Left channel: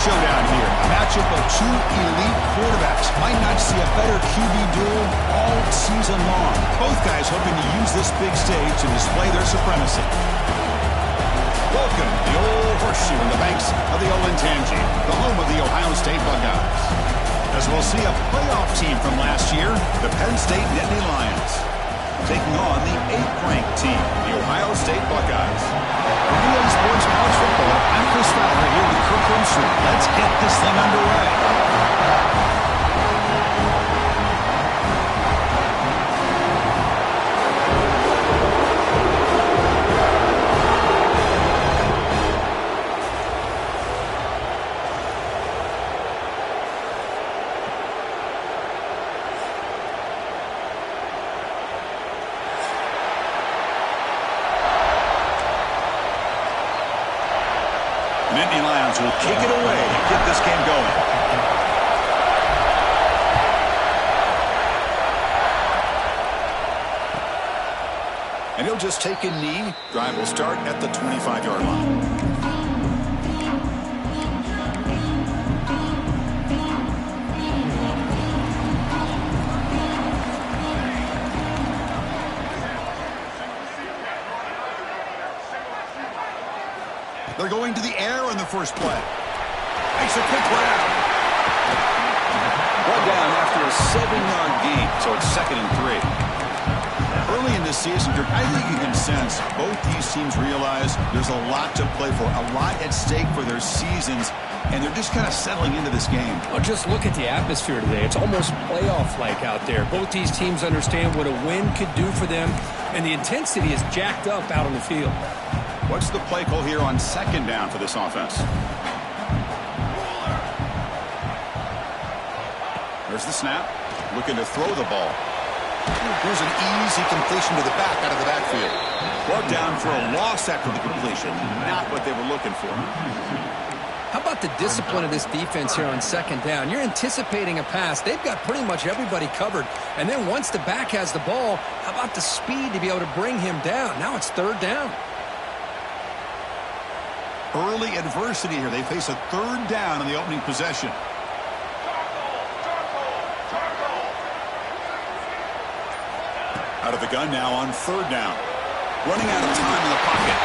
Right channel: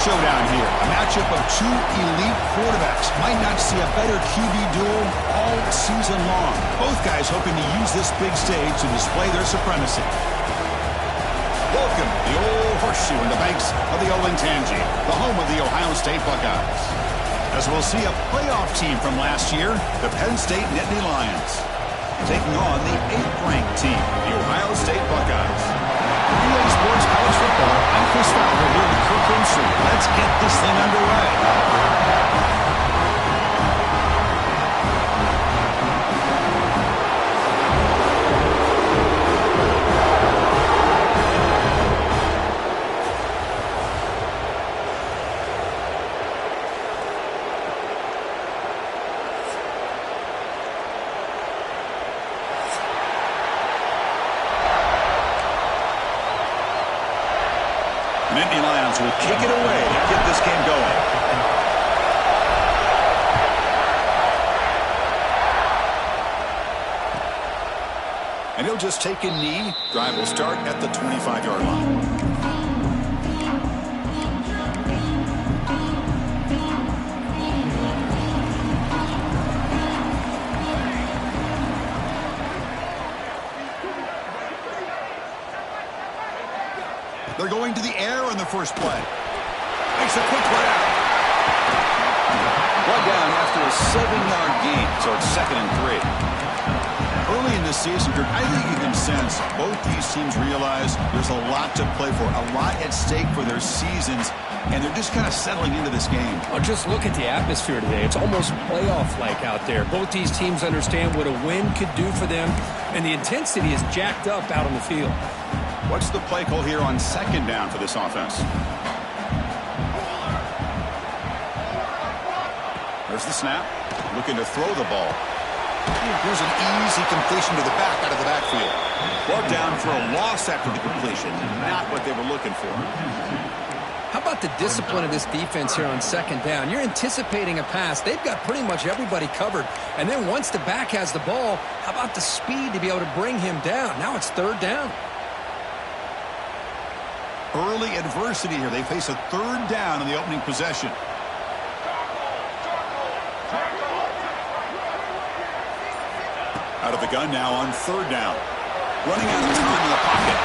Showdown here. A matchup of two elite quarterbacks. Might not see a better QB duel all season long. Both guys hoping to use this big stage to display their supremacy. Welcome to the old horseshoe in the banks of the Olentangy, the home of the Ohio State Buckeyes. As we'll see a playoff team from last year, the Penn State Nittany Lions, taking on the 8th-ranked team, the Ohio State Buckeyes. For EA Sports College Football, I'm Chris Fowler here with Kirk Herbstreit. Let's get this thing underway. Nittany Lions will kick it away to get this game going. And he'll just take a knee. Drive will start at the 25-yard line. They're going to the air on the first play. Makes a quick grab. One down after a 7-yard gain, so it's 2nd and 3. Early in this season, I think you can sense both these teams realize there's a lot to play for, a lot at stake for their seasons, and they're just kind of settling into this game. Well, just look at the atmosphere today. It's almost playoff-like out there. Both these teams understand what a win could do for them, and the intensity is jacked up out on the field. What's the play call here on 2nd down for this offense? There's the snap. Looking to throw the ball. Here's an easy completion to the back out of the backfield. Brought down for a loss after the completion. Not what they were looking for. How about the discipline of this defense here on 2nd down? You're anticipating a pass. They've got pretty much everybody covered. And then once the back has the ball, how about the speed to be able to bring him down? Now it's 3rd down. Early adversity here. They face a 3rd down in the opening possession. Out of the gun now on 3rd down. Running out of time in the pocket.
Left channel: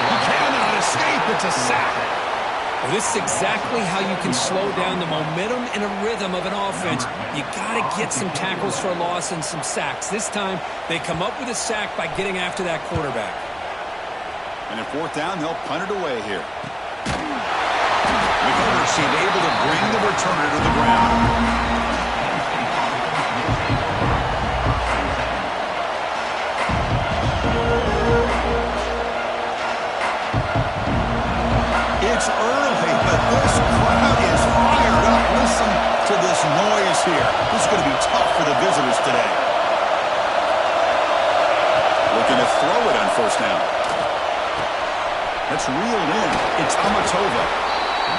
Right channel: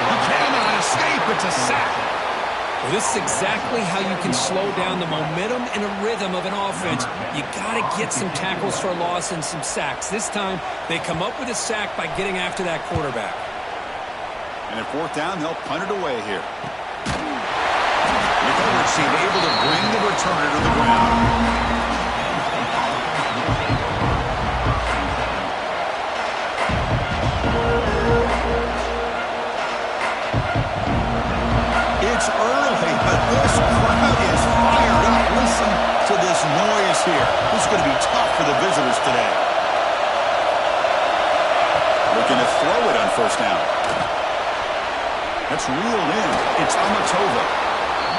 He cannot escape. It's a sack. Well, this is exactly how you can slow down the momentum and a rhythm of an offense. You got to get some tackles for a loss and some sacks. This time, they come up with a sack by getting after that quarterback. And at 4th down, they'll punt it away here. The coverage team able to bring the returner to the ground. It's early, but this crowd is fired up. Listen to this noise here. This is going to be tough for the visitors today. Looking to throw it on 1st down. That's reeled in. It's Amatova.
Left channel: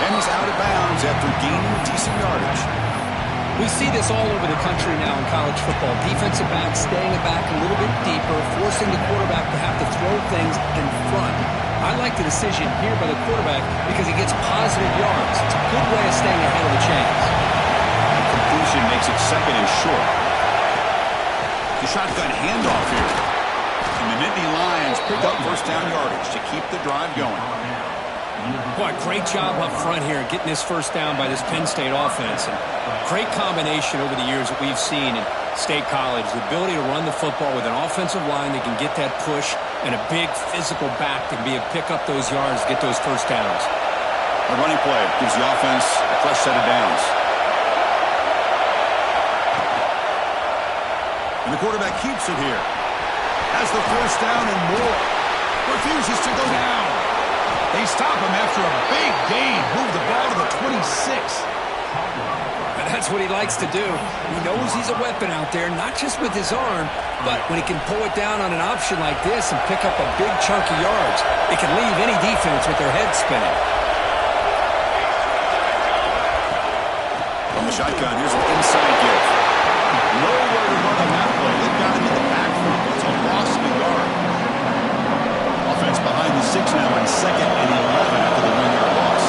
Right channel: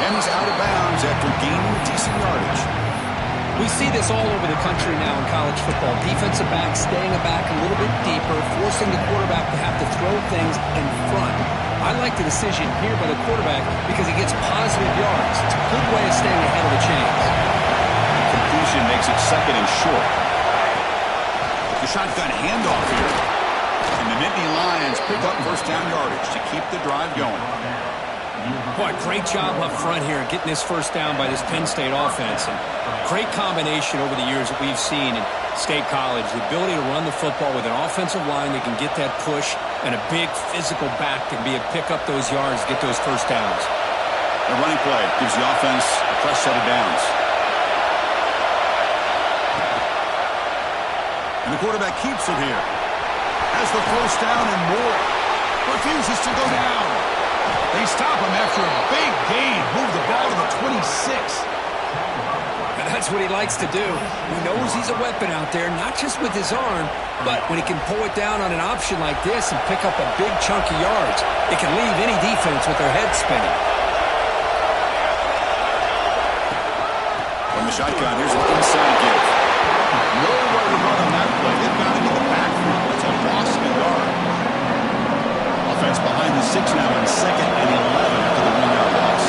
And he's out of bounds after gaining decent yardage. We see this all over the country now in college football. Defensive backs staying back a little bit deeper, forcing the quarterback to have to throw things in front. I like the decision here by the quarterback because he gets positive yards. It's a good way of staying ahead of the chains. The completion makes it 2nd and short. The shotgun handoff here. And the Nittany Lions pick up 1st down yardage to keep the drive going. Boy, great job up front here getting this 1st down by this Penn State offense. And great combination over the years that we've seen in State College. The ability to run the football with an offensive line that can get that push and a big physical back that can be able to pick up those yards to get those 1st downs. A running play gives the offense a fresh set of downs. And the quarterback keeps it here. Has the 1st down and more. Refuses to go down. They stop him after a big gain. Move the ball to the 26. And that's what he likes to do. He knows he's a weapon out there, not just with his arm, but when he can pull it down on an option like this and pick up a big chunk of yards, it can leave any defense with their head spinning. From the shotgun, here's an inside give. Nowhere to run on that play. They've got him in the backfield. It's a loss of a yard. Offense behind the 6 now on 2nd and 11 after the 1-yard loss.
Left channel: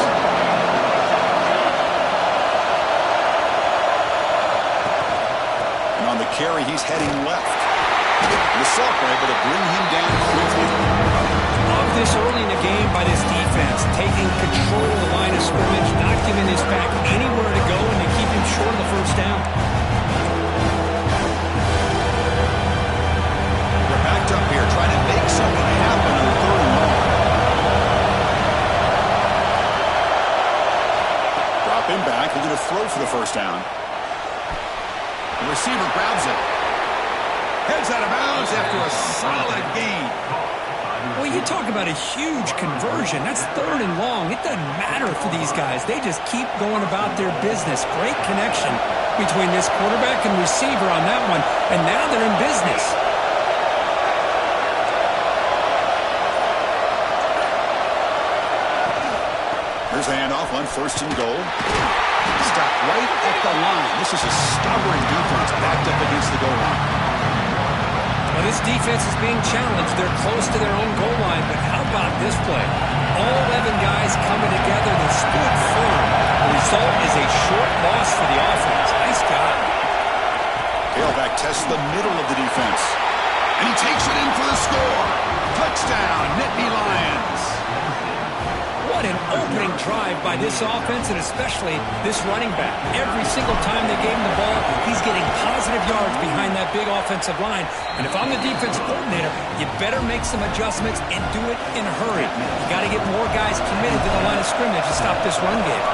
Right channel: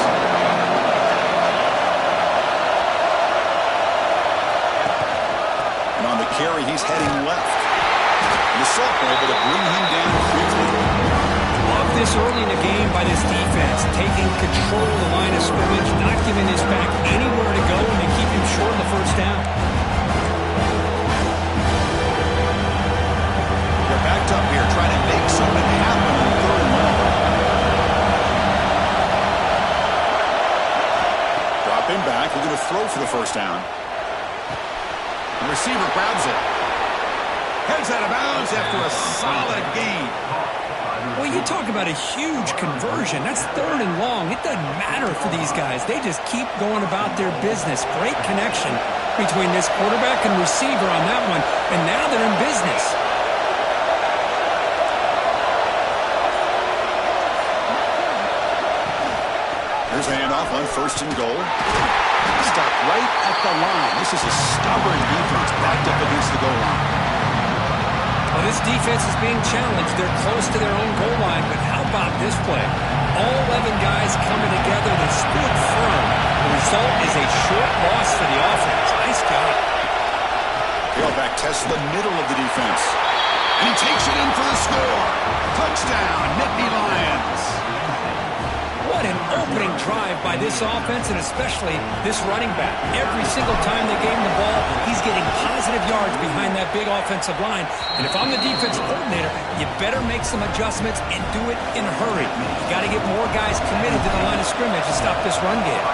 carry, he's heading left. And the Salk were able to bring him down quickly. Love this early in the game by this defense, taking control of the line of scrimmage, not giving his back anywhere to go, and they keep him short of the first down. They're backed up here, trying to make something happen on 3rd and long. Drop him back, looking to throw for the first down. The receiver grabs it. Heads out of bounds after a solid gain. Well, you talk about a huge conversion. That's 3rd and long. It doesn't matter for these guys. They just keep going about their business. Great connection between this quarterback and receiver on that one. And now they're in business. Here's a handoff on 1st and goal. Stop right at the line. This is a stubborn defense backed up against the goal line. Well, this defense is being challenged. They're close to their own goal line, but how about this play? All 11 guys coming together. They stood firm. The result is a short loss for the offense. Nice job. Tailback tests the middle of the defense. And he takes it in for the score. Touchdown, Nittany Lions. What an opening drive by this offense, and especially this running back. Every single time they gave him the ball, he's getting positive yards behind that big offensive line. And if I'm the defense coordinator, you better make some adjustments and do it in a hurry. You got to get more guys committed to the line of scrimmage to stop this run game.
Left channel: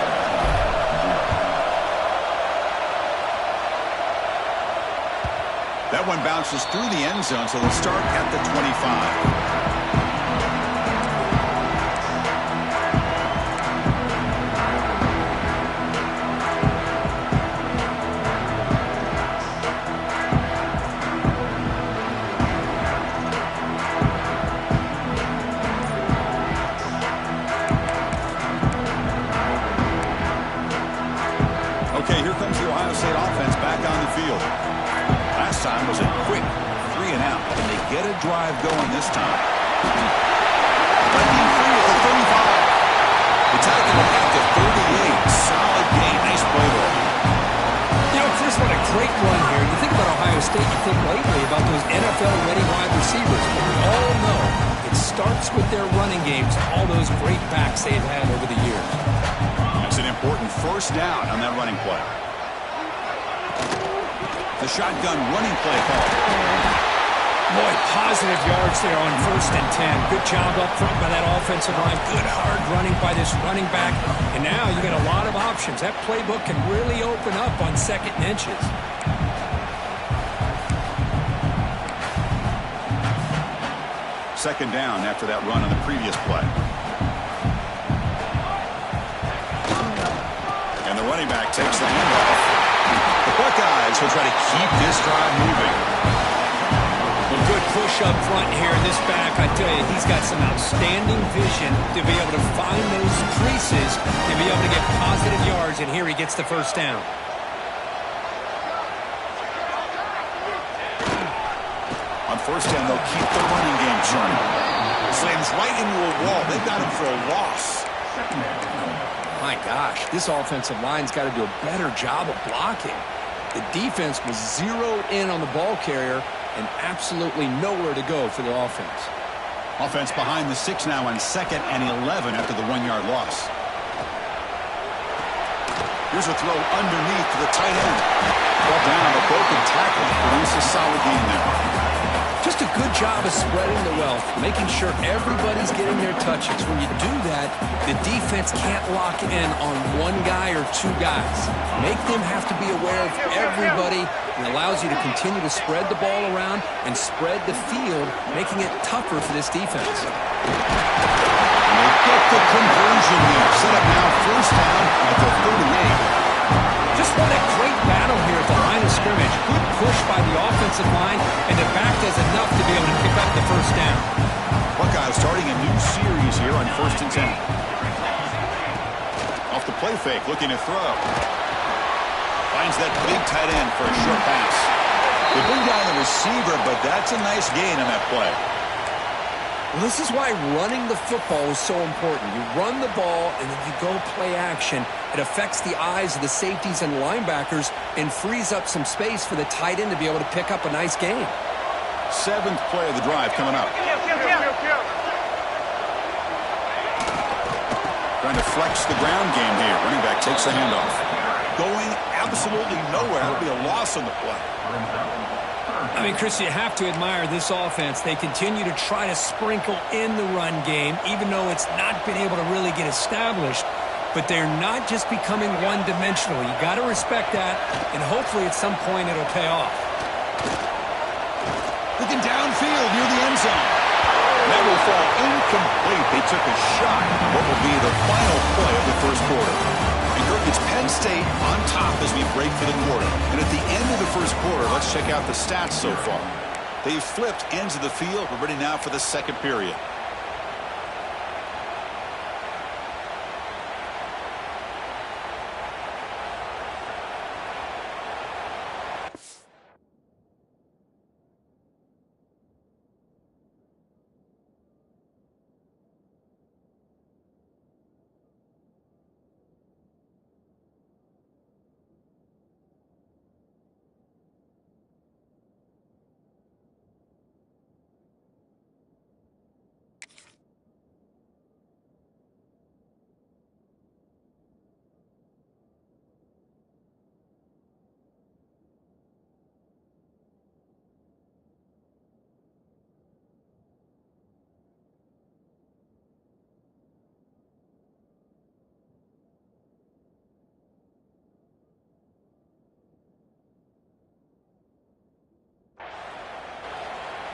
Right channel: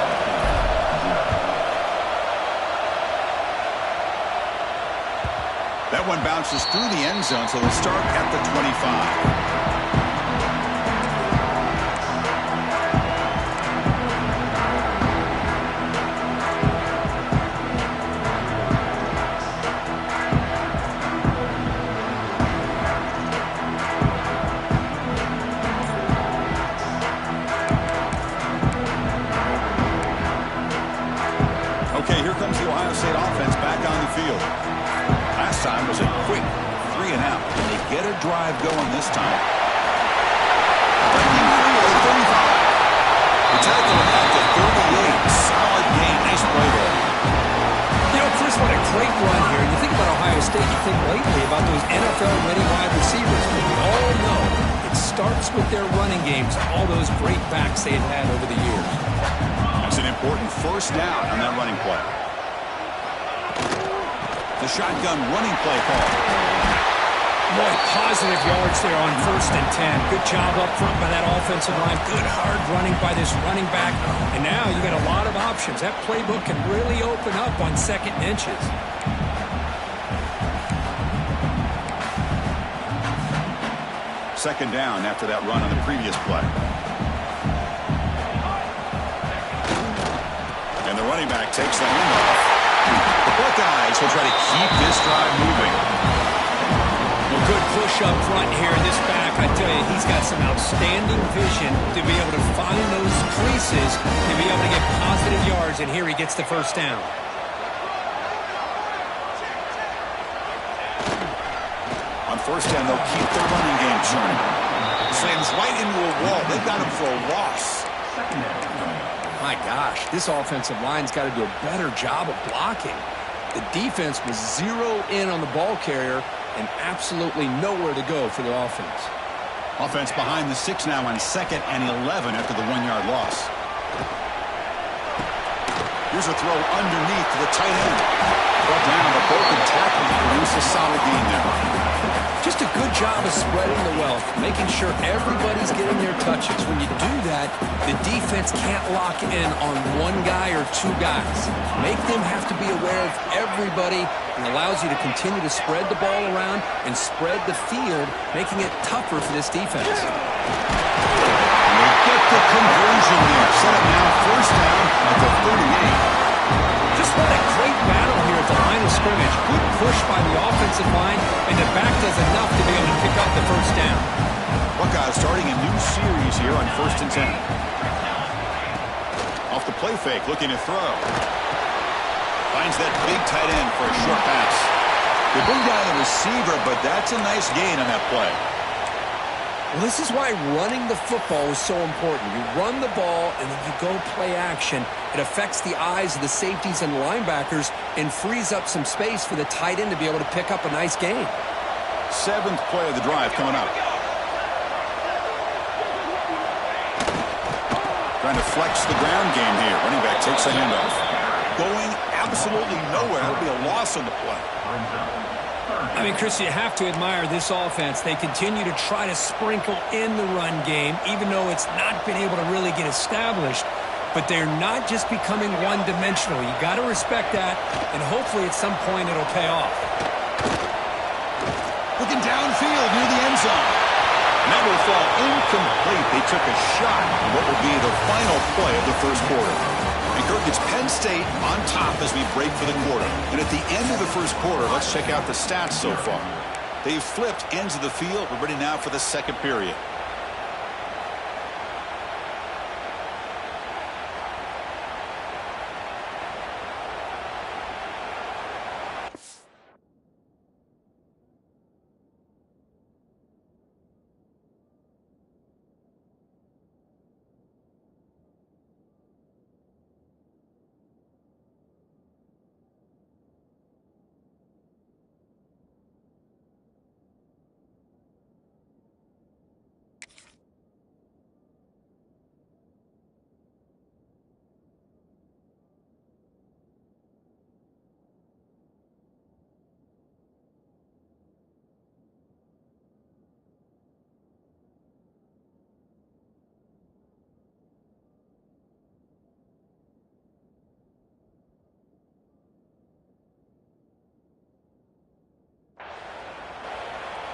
That one bounces through the end zone, so they'll start at the 25. Okay, here comes the Ohio State offense back on the field. Last time was a quick 3 and out, and they get a drive going this time. Breaking free at the 35. The tackle him at the 38. Solid gain. Nice play there. You know, Chris, what a great run here. You think about Ohio State, you think lately about those NFL-ready wide receivers. But we all know it starts with their running games, all those great backs they've had over the years. That's an important first down on that running play. The shotgun running play call. Boy, positive yards there on 1st and 10. Good job up front by that offensive line. Good hard running by this running back. And now you got a lot of options. That playbook can really open up on 2nd and inches. Second down after that run on the previous play. And the running back takes the handoff. The Buckeyes will try to keep this drive moving. Well, good push up front here. This back, I tell you, he's got some outstanding vision to be able to find those creases, to be able to get positive yards, and here he gets the first down. On 1st down, they'll keep the running game churning. Slams right into a wall. They've got him for a loss. My gosh, this offensive line's got to do a better job of blocking. The defense was zeroed in on the ball carrier and absolutely nowhere to go for the offense. Offense behind the 6 now on 2nd and 11 after the 1-yard loss. Here's a throw underneath to the tight end. Brought down, the broken tackle to produce a solid gain there. Just a good job of spreading the wealth, making sure everybody's getting their touches. When you do that, the defense can't lock in on one guy or 2 guys. Make them have to be aware of everybody. It allows you to continue to spread the ball around and spread the field, making it tougher for this defense. And they get the conversion there. Set up now 1st down at the 38. Just what a great battle here at the line of scrimmage. Good push by the offensive line, and the back does enough to be able to pick up the first down. Buckeyes starting a new series here on 1st and 10. Off the play fake, looking to throw. Finds that big tight end for a short pass. They bring down the receiver, but that's a nice gain on that play. Well, this is why running the football is so important. You run the ball, and then you go play action. It affects the eyes of the safeties and linebackers and frees up some space for the tight end to be able to pick up a nice gain. 7th play of the drive coming up. Trying to flex the ground game here. Running back takes the handoff. Going absolutely nowhere. That'll be a loss on the play. I mean, Chris, you have to admire this offense. They continue to try to sprinkle in the run game, even though it's not been able to really get established. But they're not just becoming one-dimensional. You got to respect that, and hopefully at some point it'll pay off. Looking downfield near the end zone. And that will fall incomplete. They took a shot on what will be the final play of the first quarter. And Kirk, it's Penn State on top as we break for the quarter. And at the end of the first quarter, let's check out the stats so far. They've flipped ends of the field. We're ready now for the second period.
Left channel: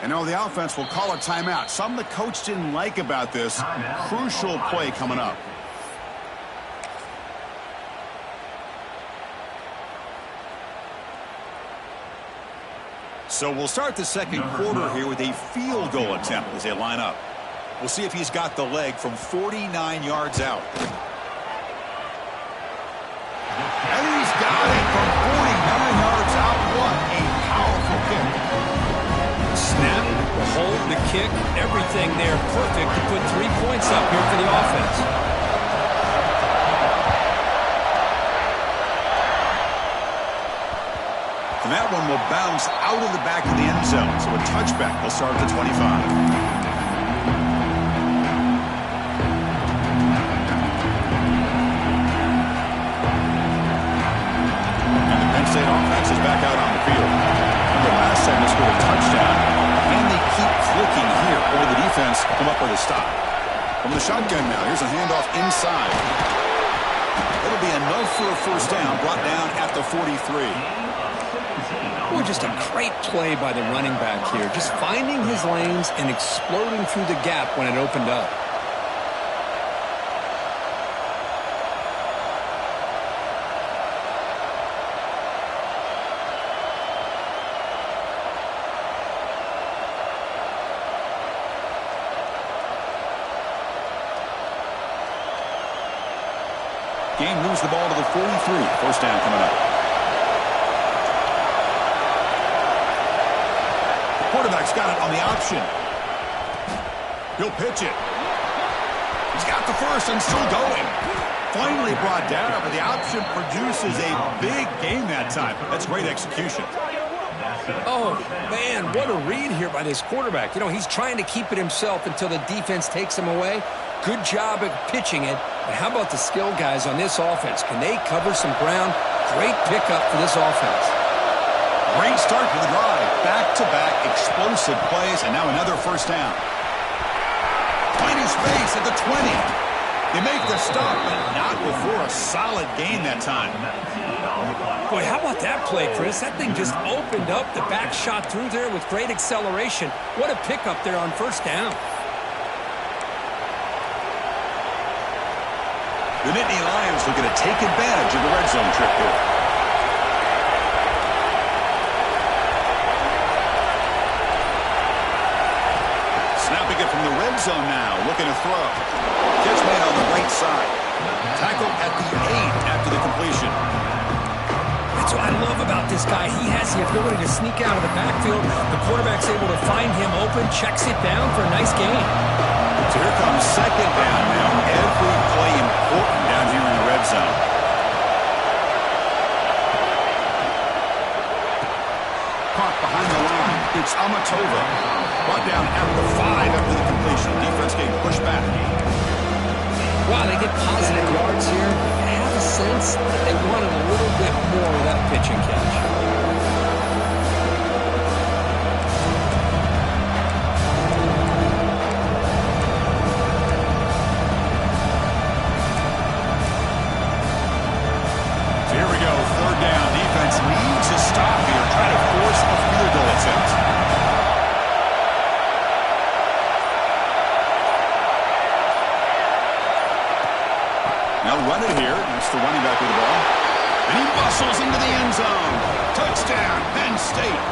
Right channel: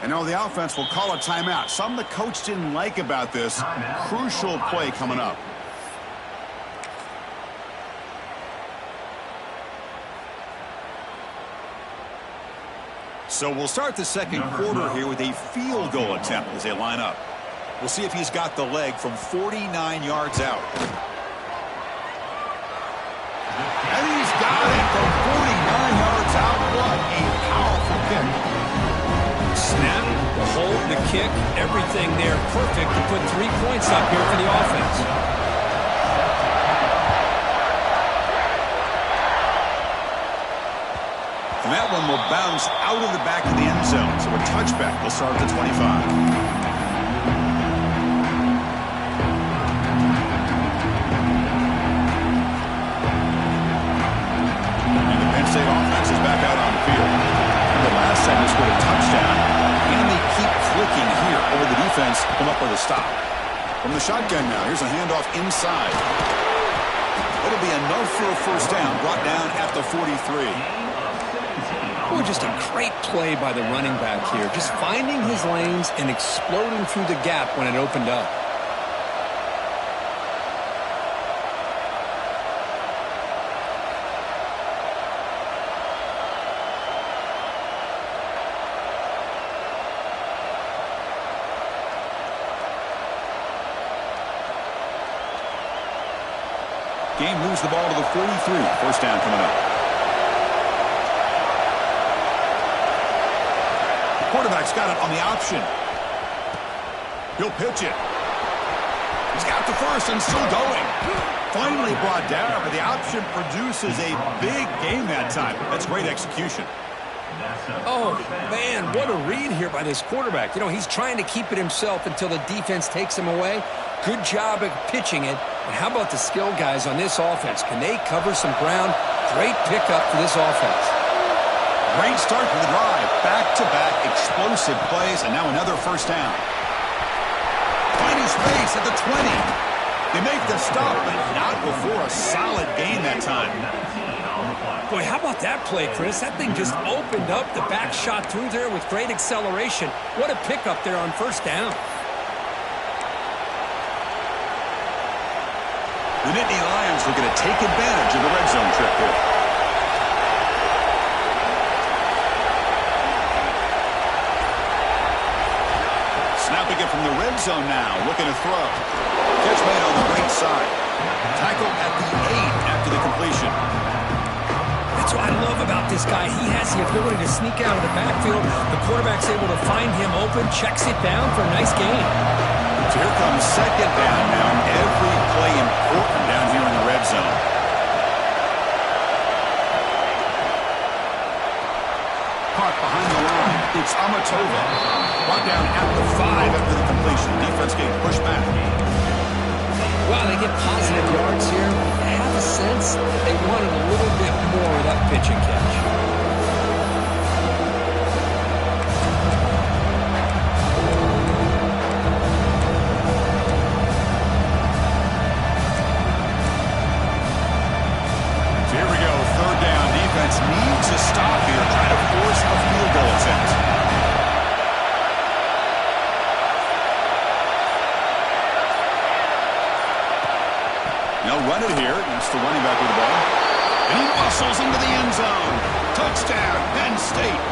And now the offense will call a timeout. Something the coach didn't like about this. Crucial play coming up. So we'll start the second quarter here with a field goal attempt as they line up. We'll see if he's got the leg from 49 yards out. And he's got it from 49 yards out. What a powerful kick. Snap, the hold, the kick, everything there perfect to put 3 points up here for the offense. And that one will bounce out of the back of the end zone. So a touchback will start at the 25. And the Penn State offense is back out on the field. Remember, last time they scored a touchdown. Can they keep clicking here, or the defense come up with a stop? From the shotgun now, here's a handoff inside. It'll be enough for a first down, brought down at the 43. Boy, just a great play by the running back here. Just finding his lanes and exploding through the gap when it opened up. Game moves the ball to the 43. First down coming up. The quarterback's got it on the option. He'll pitch it. He's got the first and still going. Finally brought down, but the option produces a big gain that time. That's great execution. Oh, man, what a read here by this quarterback. You know, he's trying to keep it himself until the defense takes him away. Good job at pitching it. And how about the skill guys on this offense? Can they cover some ground? Great pickup for this offense. Great start for the drive. Back-to-back explosive plays, and now another first down. Finding space at the 20. They make the stop, but not before a solid gain that time. Boy, how about that play, Chris? That thing just opened up. The back shot through there with great acceleration. What a pickup there on first down. The Nittany Lions looking to take advantage of the red zone trip here. Snapping it from the red zone now, looking to throw. Catch made on the right side. Tackle at the 8 after the completion. That's what I love about this guy. He has the ability to sneak out of the backfield. The quarterback's able to find him open, checks it down for a nice gain. So here comes second down now. Every play important down here in the red zone. Caught behind the line. It's Amatova. Brought down at the 5 after the completion. Defense getting pushed back. Wow, they get positive yards here. I have a sense that they wanted a little bit more with that pitch and catch. So here we go. Third down. Defense needs a stop here. Try to force a field goal attempt. They'll run it here. That's the running back with the ball. And he bustles into the end zone. Touchdown, Penn State.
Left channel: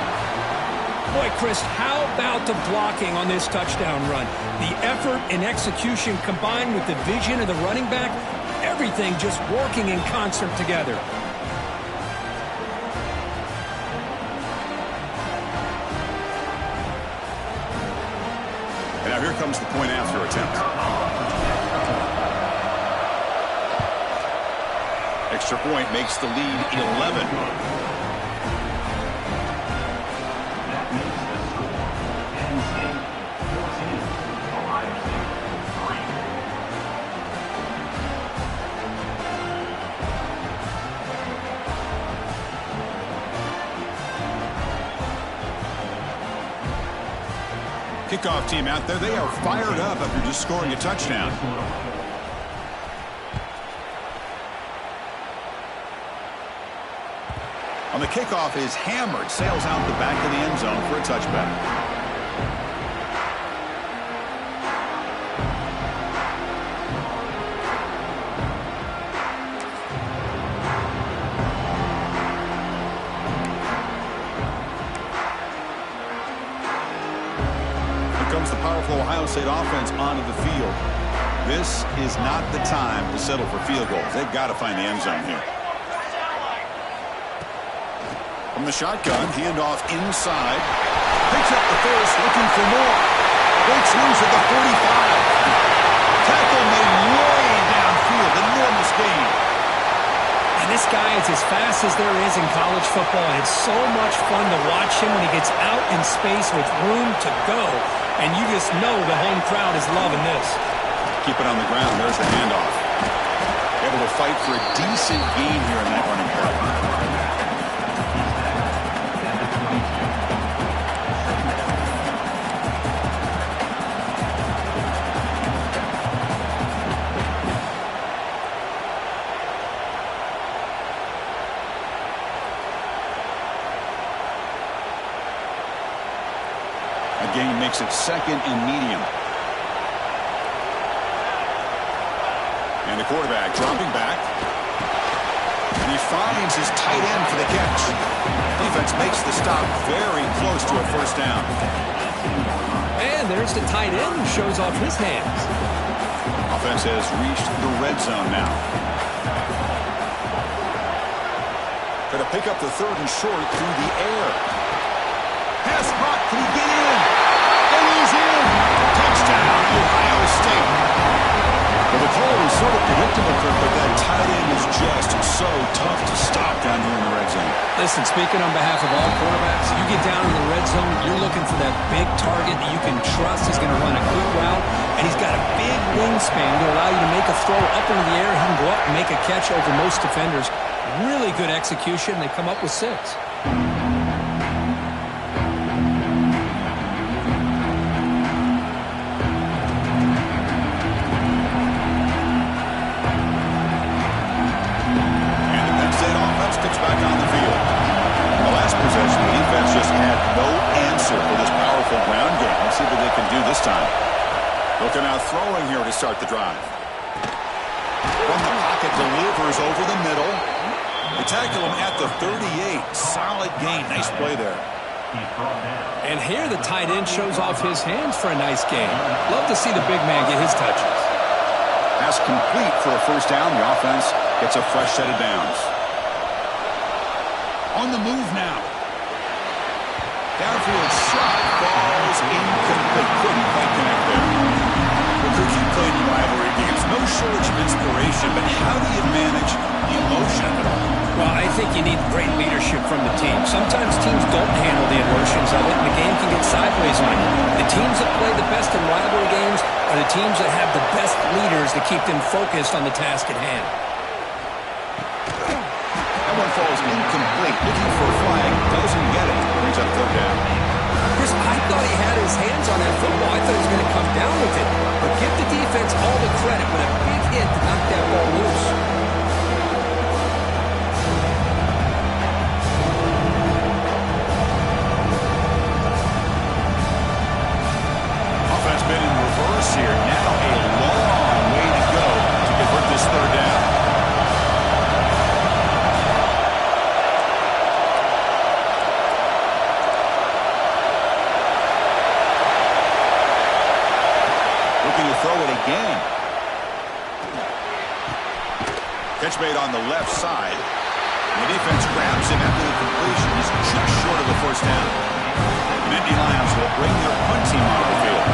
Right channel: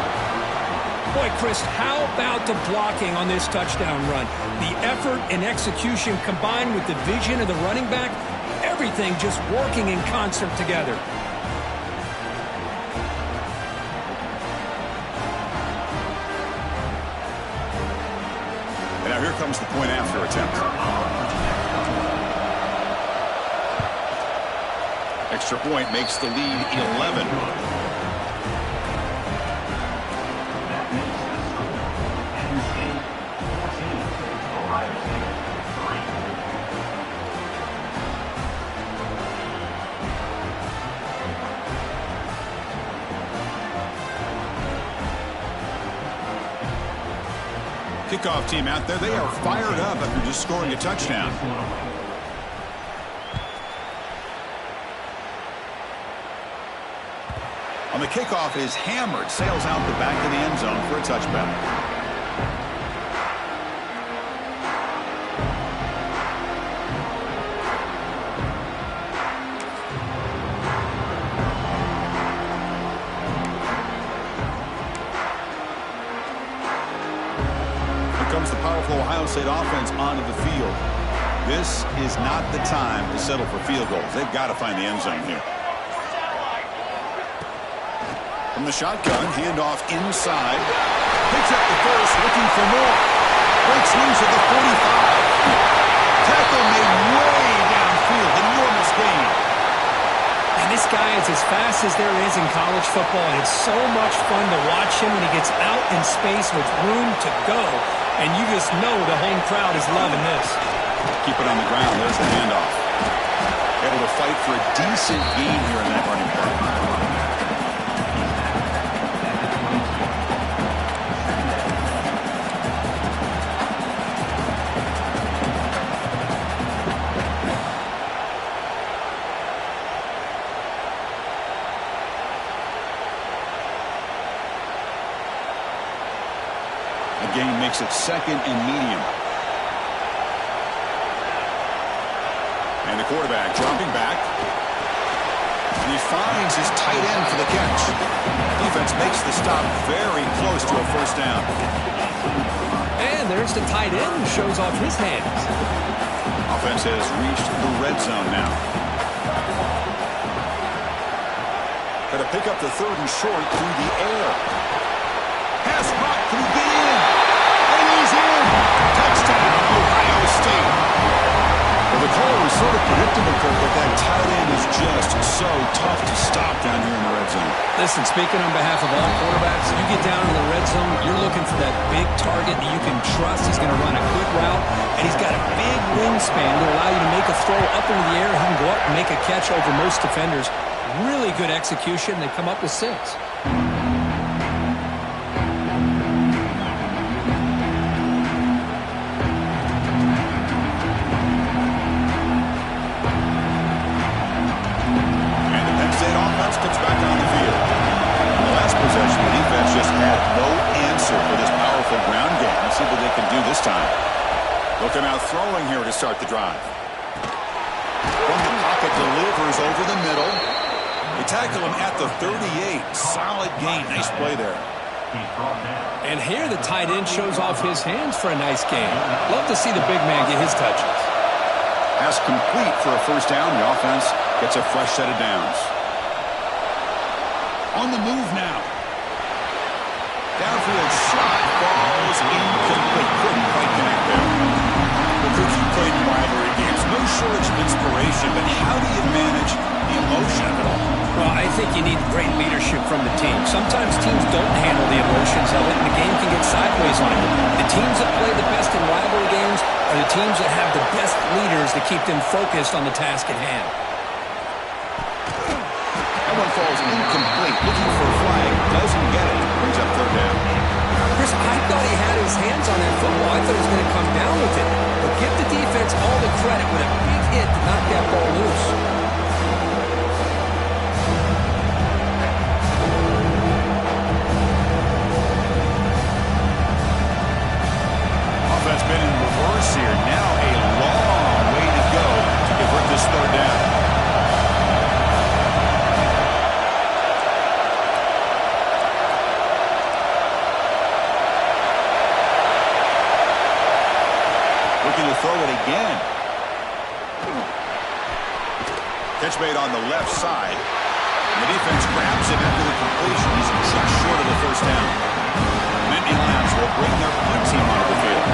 Boy, Chris, how about the blocking on this touchdown run? The effort and execution combined with the vision of the running back, everything just working in concert together. And now here comes the point after attempt. Extra point makes the lead 11. That makes the score Penn State 14, Ohio State 3. Kickoff team out there. They are fired up after just scoring a touchdown. On the kickoff is hammered, sails out the back of the end zone for a touchback. Here comes the powerful Ohio State offense onto the field. This is not the time to settle for field goals. They've got to find the end zone here. From the shotgun, handoff inside. Picks up the first, looking for more. Breaks loose at the 45. Tackle made way downfield. Enormous gain. And this guy is as fast as there is in college football, and it's so much fun to watch him when he gets out in space with room to go. And you just know the home crowd is loving this. Keep it on the ground. There's the handoff. Able to fight for a decent gain here in that running play. Gain makes it second and medium. And the quarterback dropping back. And he finds his tight end for the catch. Defense makes the stop very close to a first down. And there's the tight end who shows off his hands. Offense has reached the red zone now. Got to pick up the third and short through the air. Pass block, can he get in? And he's in. Touchdown, Ohio State. Well, the call was sort of predictable, Kirk, but that tight end is just so tough to stop down here in the red zone. Listen, speaking on behalf of all quarterbacks, you get down in the red zone, you're looking for that big target that you can trust. He's going to run a good route, and he's got a big wingspan to allow you to make a throw up into the air. He can go up and make a catch over most defenders. Really good execution. They come up with 6. Gets back on the field. In the last possession, the defense just had no answer for this powerful ground game. Let's see what they can do this time. They'll come out throwing here to start the drive. From the pocket, delivers over the middle. They tackle him at the 38. Solid gain. Nice play there. And here the tight end shows off his hands for a nice gain. Love to see the big man get his touches. Pass complete for a first down. The offense gets a fresh set of downs. On the move now. Downfield shot falls incomplete. Couldn't quite connect there. Well, Cook, you played in rivalry games. No shortage of inspiration, but how do you manage the emotion of it all? Well, I think you need great leadership from the team. Sometimes teams don't handle the emotions of it, and the game can get sideways on you. The teams that play the best in rivalry games are the teams that have the best leaders to keep them focused on the task at hand. That one falls incomplete. Looking for a flag. Doesn't get it. Brings up third down. Chris, I thought he had his hands on that football. I thought he was going to come down with it. But give the defense all the credit with a big hit to knock that ball loose. Offense been in reverse here. Now a long way to go to convert this third down. Looking to throw it again. Catch made on the left side. And the defense grabs him after the completion. He's just short of the first down. Nittany Lions will bring their punt team onto the field.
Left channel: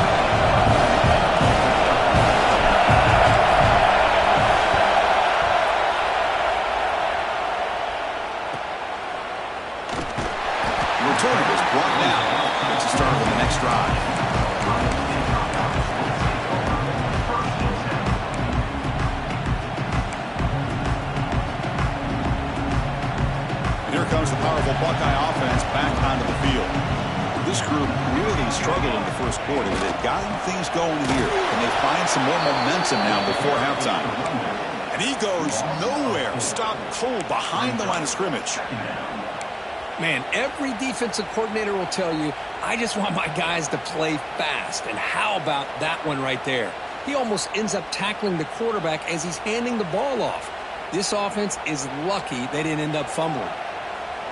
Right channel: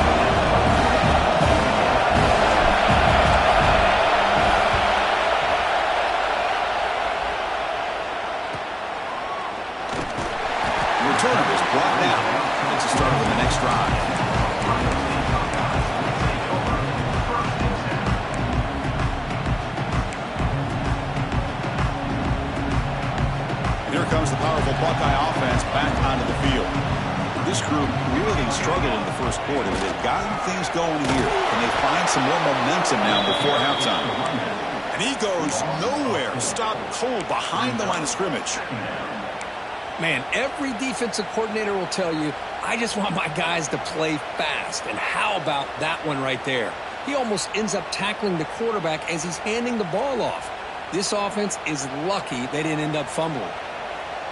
The returner is brought down. Gets a start on the next drive. Here comes the powerful Buckeye offense back onto the field. This group really struggled in the first quarter, but they've gotten things going here. Can they find some more momentum now before halftime? And he goes nowhere. Stopped cold behind the line of scrimmage. Man, every defensive coordinator will tell you, I just want my guys to play fast. And how about that one right there? He almost ends up tackling the quarterback as he's handing the ball off. This offense is lucky they didn't end up fumbling.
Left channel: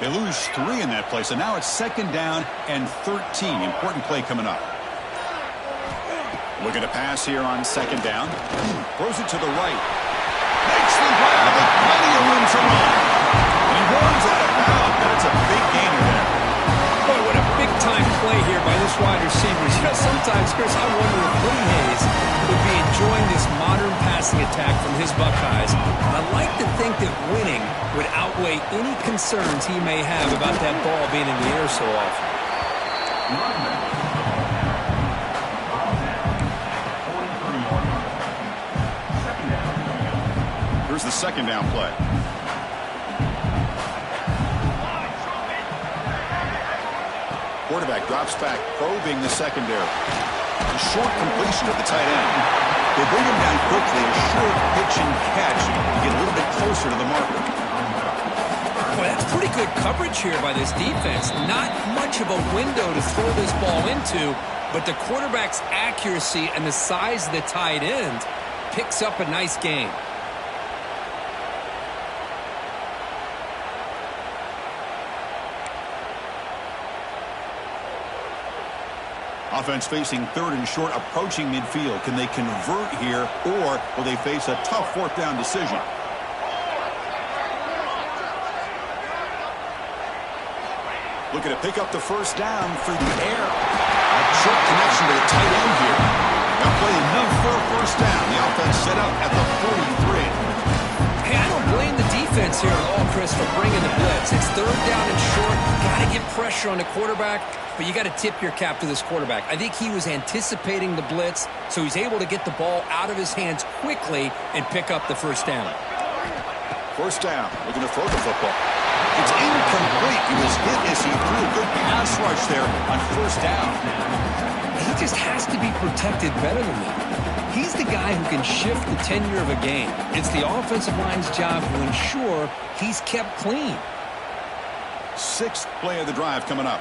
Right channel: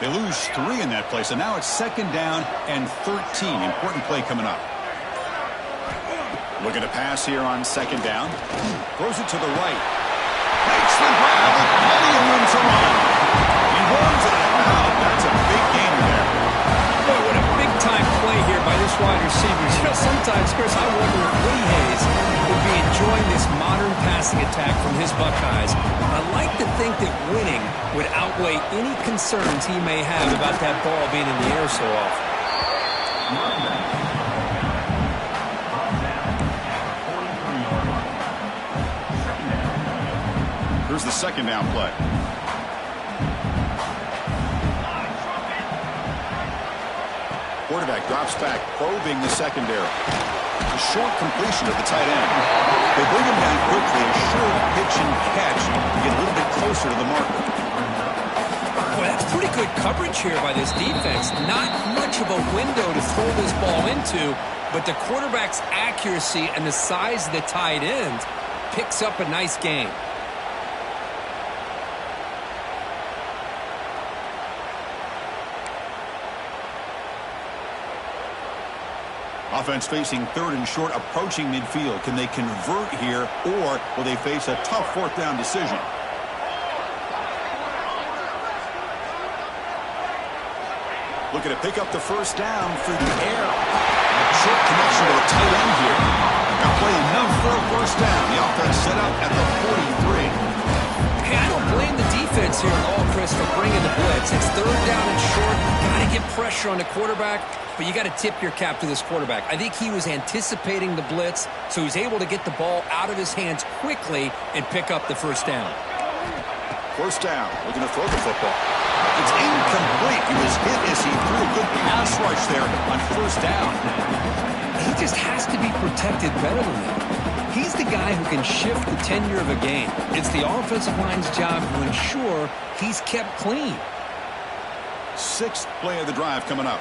They lose 3 in that play, so now it's second down and 13. Important play coming up. Looking to pass here on second down. Throws it to the right. Makes the grab with plenty of room to run. And he runs out of bounds. That's a big gainer there. Boy, what a big-time play here by this wide receiver. You know, sometimes, Chris, I wonder if Woody Hayes would be enjoying this modern passing attack from his Buckeyes. I like to think that winning would outweigh any concerns he may have about that ball being in the air so often. Here's the second down play. Quarterback drops back, probing the secondary. A short completion to the tight end. They bring him down quickly, a short pitch and catch to get a little bit closer to the marker. Boy, that's pretty good coverage here by this defense. Not much of a window to throw this ball into, but the quarterback's accuracy and the size of the tight end picks up a nice gain. Offense facing third and short, approaching midfield. Can they convert here, or will they face a tough fourth down decision? Looking to pick up the first down through the air. A short connection to the tight end here. Now play enough for a first down. The offense set up at the 43. Hey, I don't blame the defense here at all, Chris, for bringing the blitz. It's third down and short. Got to get pressure on the quarterback, but you got to tip your cap to this quarterback. I think he was anticipating the blitz, so he's able to get the ball out of his hands quickly and pick up the first down. First down. Looking to throw the football. It's incomplete. He was hit as he threw a good pass rush there on first down. He just has to be protected better than that. He's the guy who can shift the tenure of a game. It's the offensive line's job to ensure he's kept clean. Sixth play of the drive coming up.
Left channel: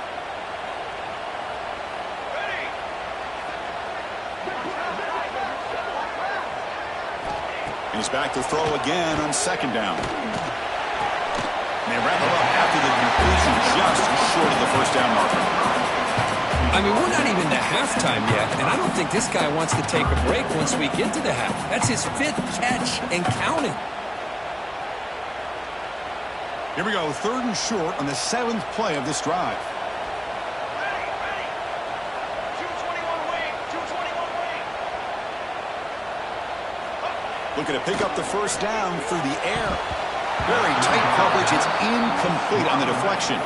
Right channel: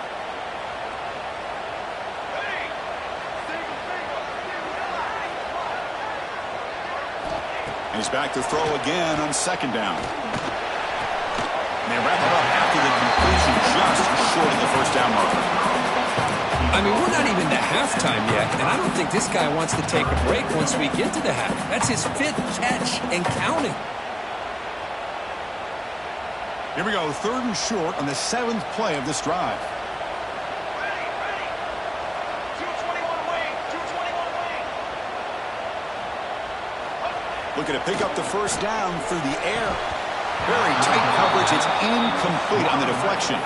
And he's back to throw again on second down. And they wrap him up after the completion just short of the first down marker. I mean, we're not even to halftime yet, and I don't think this guy wants to take a break once we get to the half. That's his 5th catch and counting. Here we go, 3rd and short on the 7th play of this drive. Ready. 221 wing. 221 wing. Looking to pick up the first down through the air. Very tight coverage. It's incomplete on the deflection.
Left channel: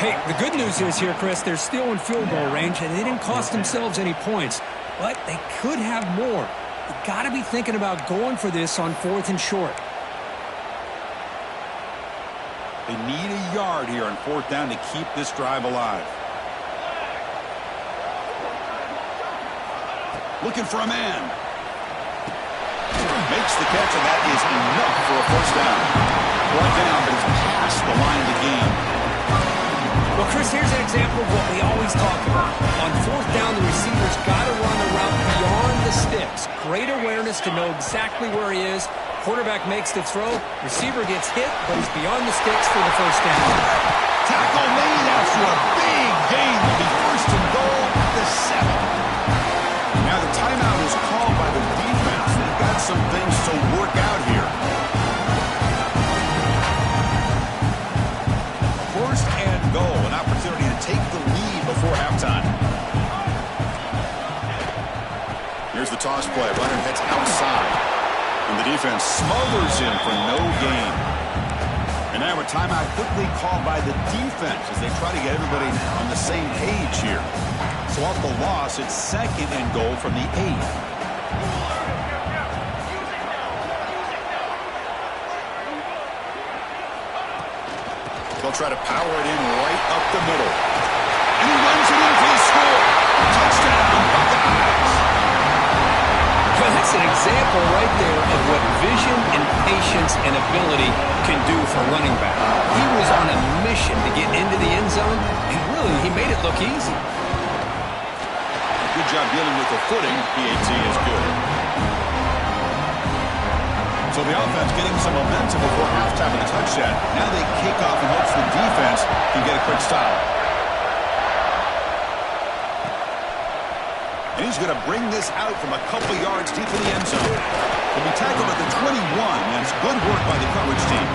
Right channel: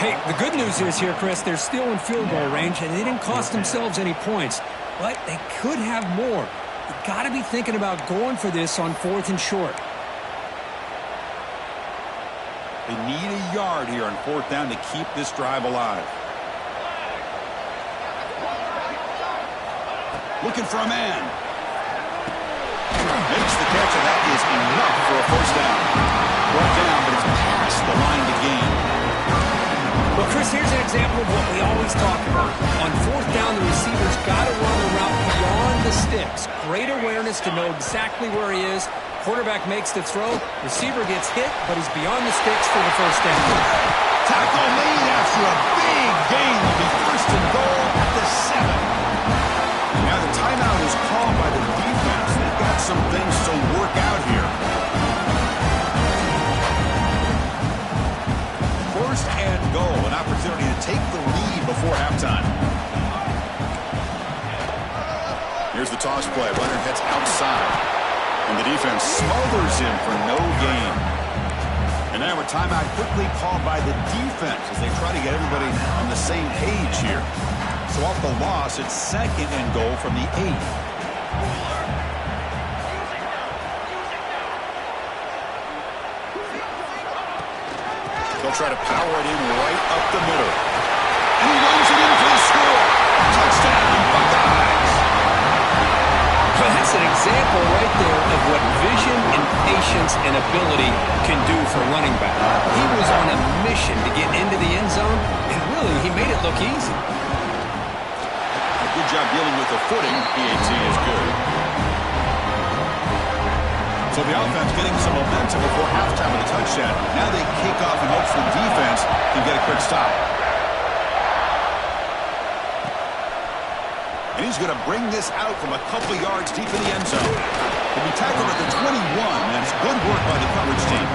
Hey, the good news is here, Chris, they're still in field goal range, and they didn't cost themselves any points. But they could have more. You got to be thinking about going for this on 4th and short. They need a yard here on 4th down to keep this drive alive. Looking for a man. Makes the catch, and that is enough for a first down. Brought down, but it's past the line of the game. Well, Chris, here's an example of what we always talk about. On 4th down, the receiver's got to run a route beyond the sticks. Great awareness to know exactly where he is. Quarterback makes the throw. Receiver gets hit, but he's beyond the sticks for the first down. Tackle made after a big gain. Will be 1st and goal at the 7. Now the timeout is called by the defense. They've got some things to work out here. 1st and goal, an opportunity to take the lead before halftime. Here's the toss play. Runner heads outside. And the defense smothers him for no gain. And now a timeout quickly called by the defense as they try to get everybody on the same page here. So off the loss, it's 2nd and goal from the 8. They'll try to power it in right up the middle. And he runs it in for the score. Touchdown, Buckeyes. Well, that's an example right there of what vision and patience and ability can do for a running back. He was on a mission to get into the end zone, and really, he made it look easy. Good job dealing with the footing. PAT is good. So the offense getting some momentum before halftime with a touchdown. Now they kick off in hopes the defense can get a quick stop. And he's going to bring this out from a couple yards deep in the end zone. He'll be tackled at the 21, and it's good work by the coverage team.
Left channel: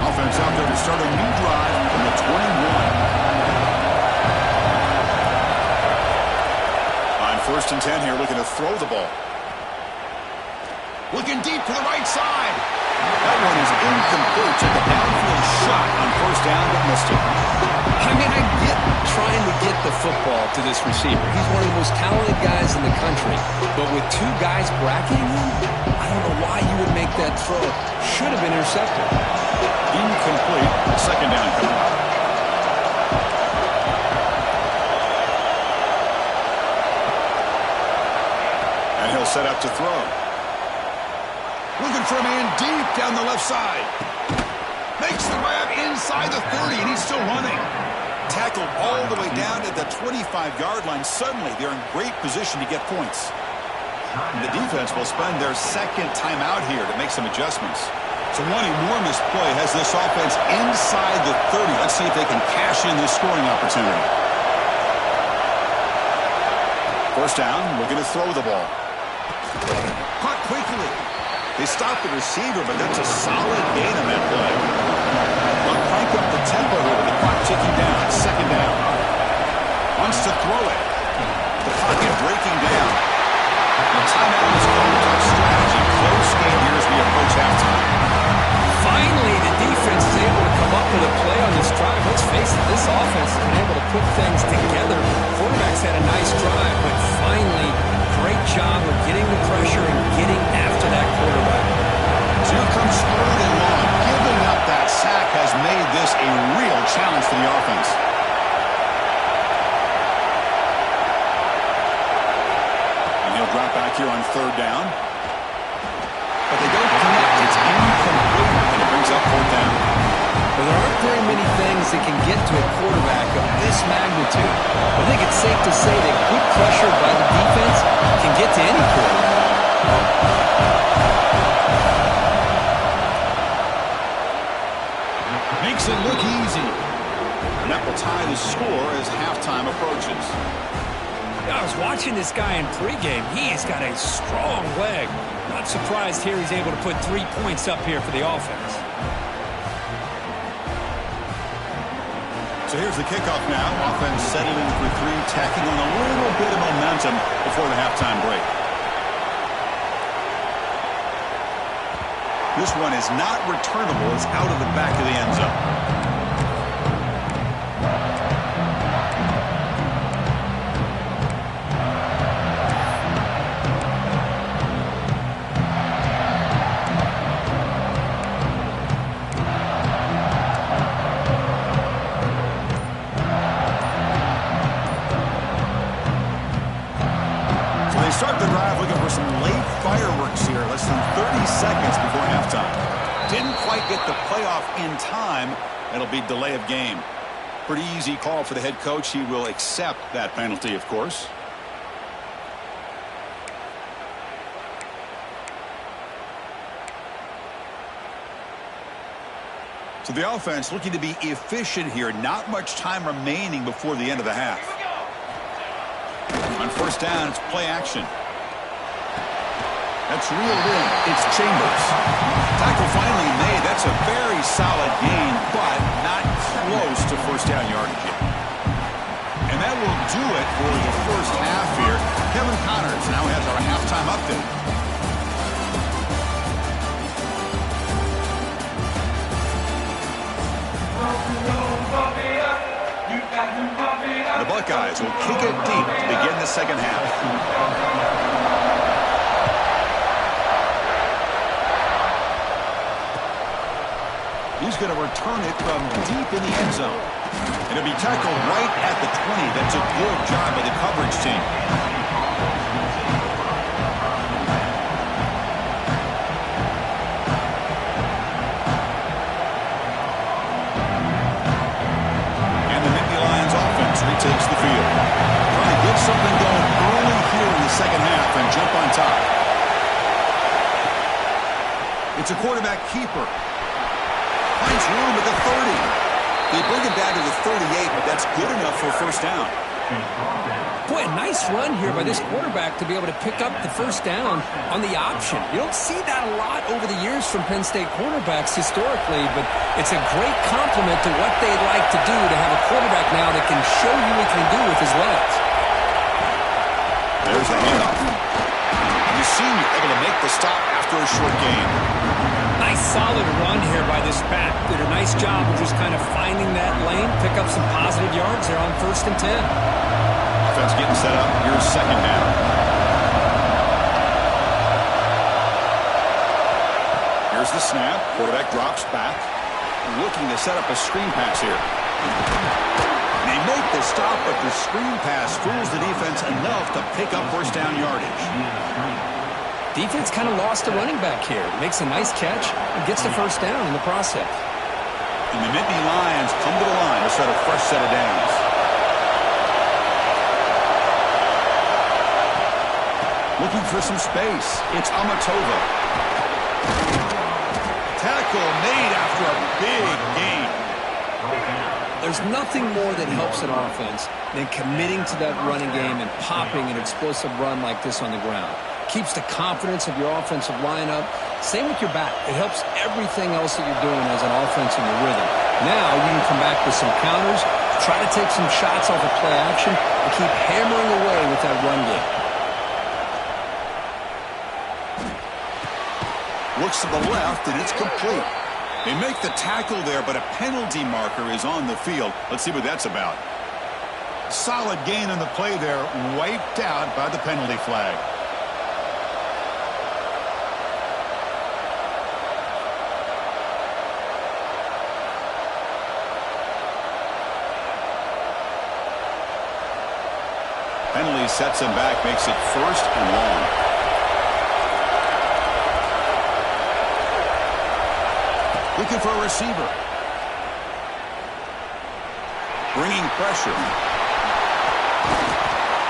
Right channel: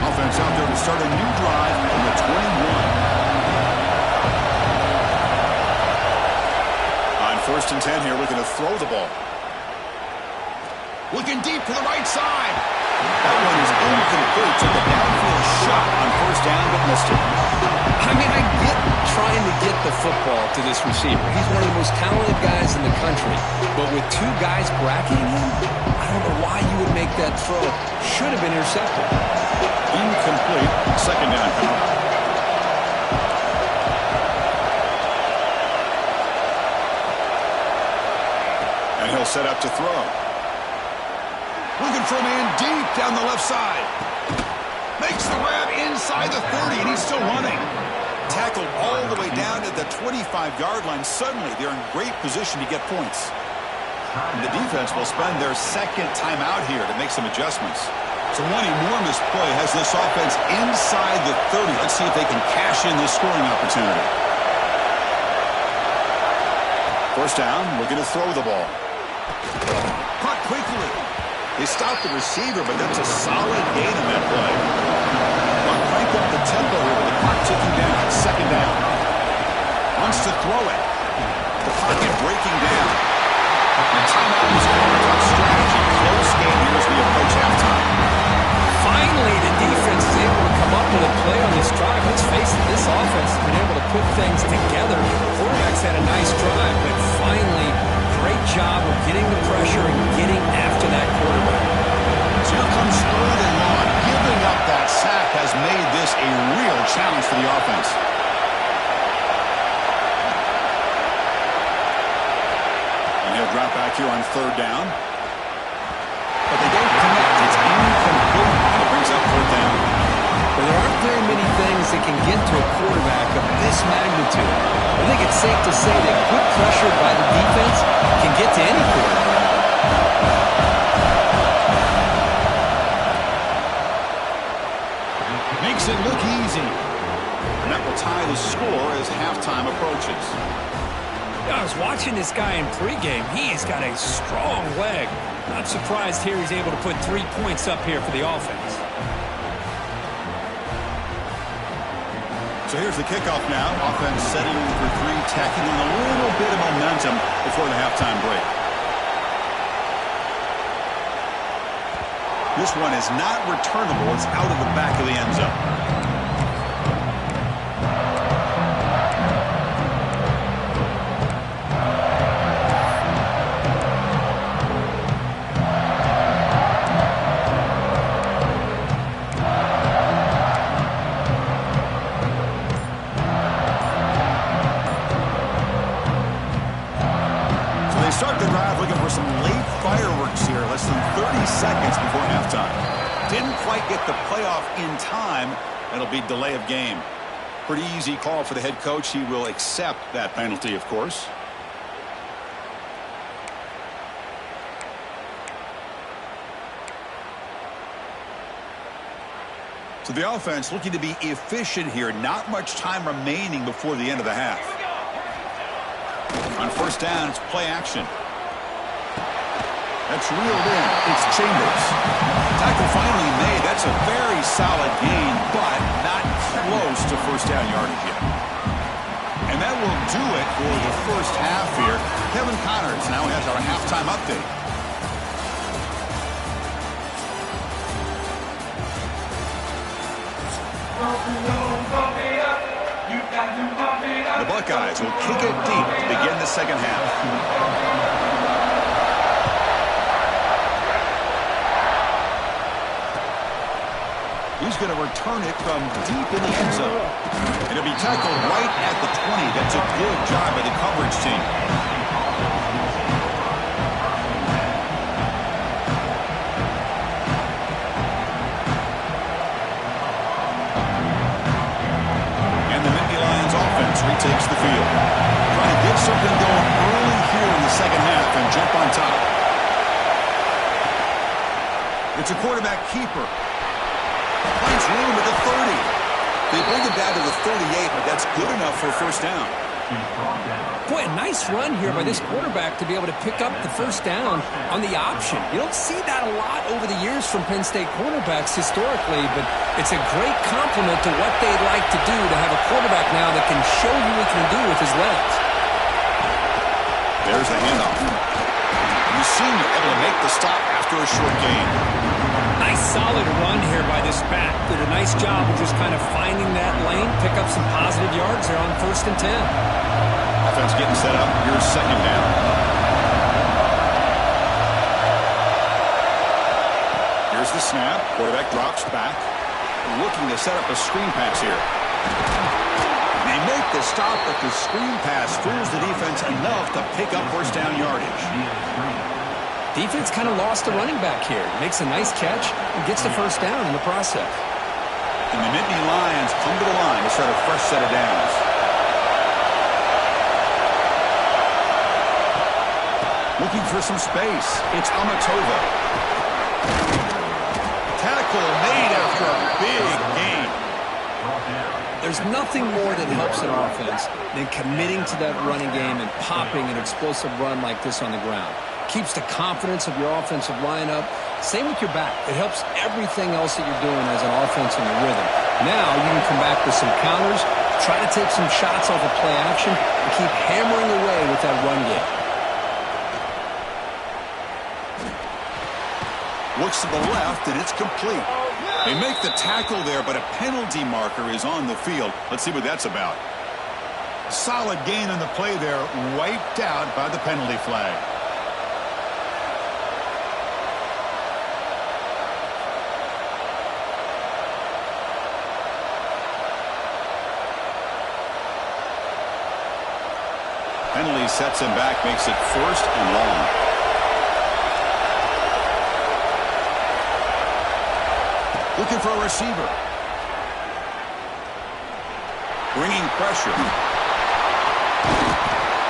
Offense out there to start a new drive from the 21. On 1st and 10 here, looking to throw the ball. Looking deep to the right side. That one is incomplete. Took a downfield shot on 1st down, but missed it. I mean, I get trying to get the football to this receiver. He's one of the most talented guys in the country. But with 2 guys bracketing him, I don't know why you would make that throw. Should have been intercepted. Incomplete. 2nd down coming up. And he'll set up to throw. Looking for a man deep down the left side. Makes the grab inside the 30, and he's still running. Tackled all the way down to the 25-yard line. Suddenly, they're in great position to get points. And the defense will spend their 2nd timeout here to make some adjustments. So one enormous play has this offense inside the 30. Let's see if they can cash in this scoring opportunity. 1st down, looking to throw the ball. Caught quickly. They stopped the receiver, but that's a solid gain on that play. They'll crank up the tempo here with the clock ticking down. 2nd down. Wants to throw it. The pocket breaking down. And timeout is called to talk strategy. Close game here as we approach halftime. Finally, the defense is able to come up with a play on this drive. Let's face it, this offense has been able to put things together. Quarterback's had a nice drive, but finally, great job of getting the pressure and getting after that quarterback. So here comes 3rd and long. Giving up that sack has made this a real challenge for the offense. And he'll drop back here on 3rd down. But they don't connect. It's incomplete, and it brings up 4th down. Well, there aren't very many things that can get to a quarterback of this magnitude. I think it's safe to say that good pressure by the defense can get to any quarterback. Makes it look easy. And that will tie the score as halftime approaches. I was watching this guy in pregame. He's got a strong leg. Not surprised here he's able to put 3 points up here for the offense. So here's the kickoff now. Offense settling for 3, tacking on a little bit of momentum before the halftime break. This one is not returnable. It's out of the back of the end zone. Start the drive looking for some late fireworks here. Less than 30 seconds before halftime. Didn't quite get the playoff in time. It'll be delay of game. Pretty easy call for the head coach. He will accept that penalty, of course. So the offense looking to be efficient here. Not much time remaining before the end of the half. On first down, it's play action. That's reeled in. It's Chambers. Tackle finally made. That's a very solid gain, but not close to first down yardage yet. And that will do it for the first half here. Kevin Connors now has our halftime update. The Buckeyes will kick it deep to begin the second half. He's going to return it from deep in the end zone. And it'll be tackled right at the 20. That's a good job by the coverage team. Retakes the field. Trying to get something going early here in the second half and jump on top. It's a quarterback keeper. Finds room at the 30. They bring it down to the 38, but that's good enough for a first down. Boy, a nice run here by this quarterback to be able to pick up the first down on the option. You don't see that a lot over the years from Penn State quarterbacks historically, but it's a great compliment to what they'd like to do to have a quarterback now that can show you what he can do with his legs. There's the handoff. The senior able to make the stop after a short gain. Nice solid run here by this back. Did a nice job of just kind of finding that lane, pick up some positive yards there on 1st and 10. Offense getting set up. Here's second down. Here's the snap. Quarterback drops back. Looking to set up a screen pass here. They make the stop, but the screen pass fools the defense enough to pick up first down yardage. Defense kind of lost the running back here. Makes a nice catch and gets the first down in the process. And the Nittany Lions come to the line to start a fresh set of downs. Looking for some space. It's Amatova. Tackle made after a big gain. There's nothing more that helps an offense than committing to that running game and popping an explosive run like this on the ground. Keeps the confidence of your offensive lineup. Same with your back. It helps everything else that you're doing as an offense in your rhythm. Now you can come back with some counters, try to take some shots off of play action, and keep hammering away with that run game. Looks to the left, and it's complete. They make the tackle there, but a penalty marker is on the field. Let's see what that's about. Solid gain on the play there, wiped out by the penalty flag. Penalty sets him back, makes it 1st and long. Looking for a receiver. Bringing pressure.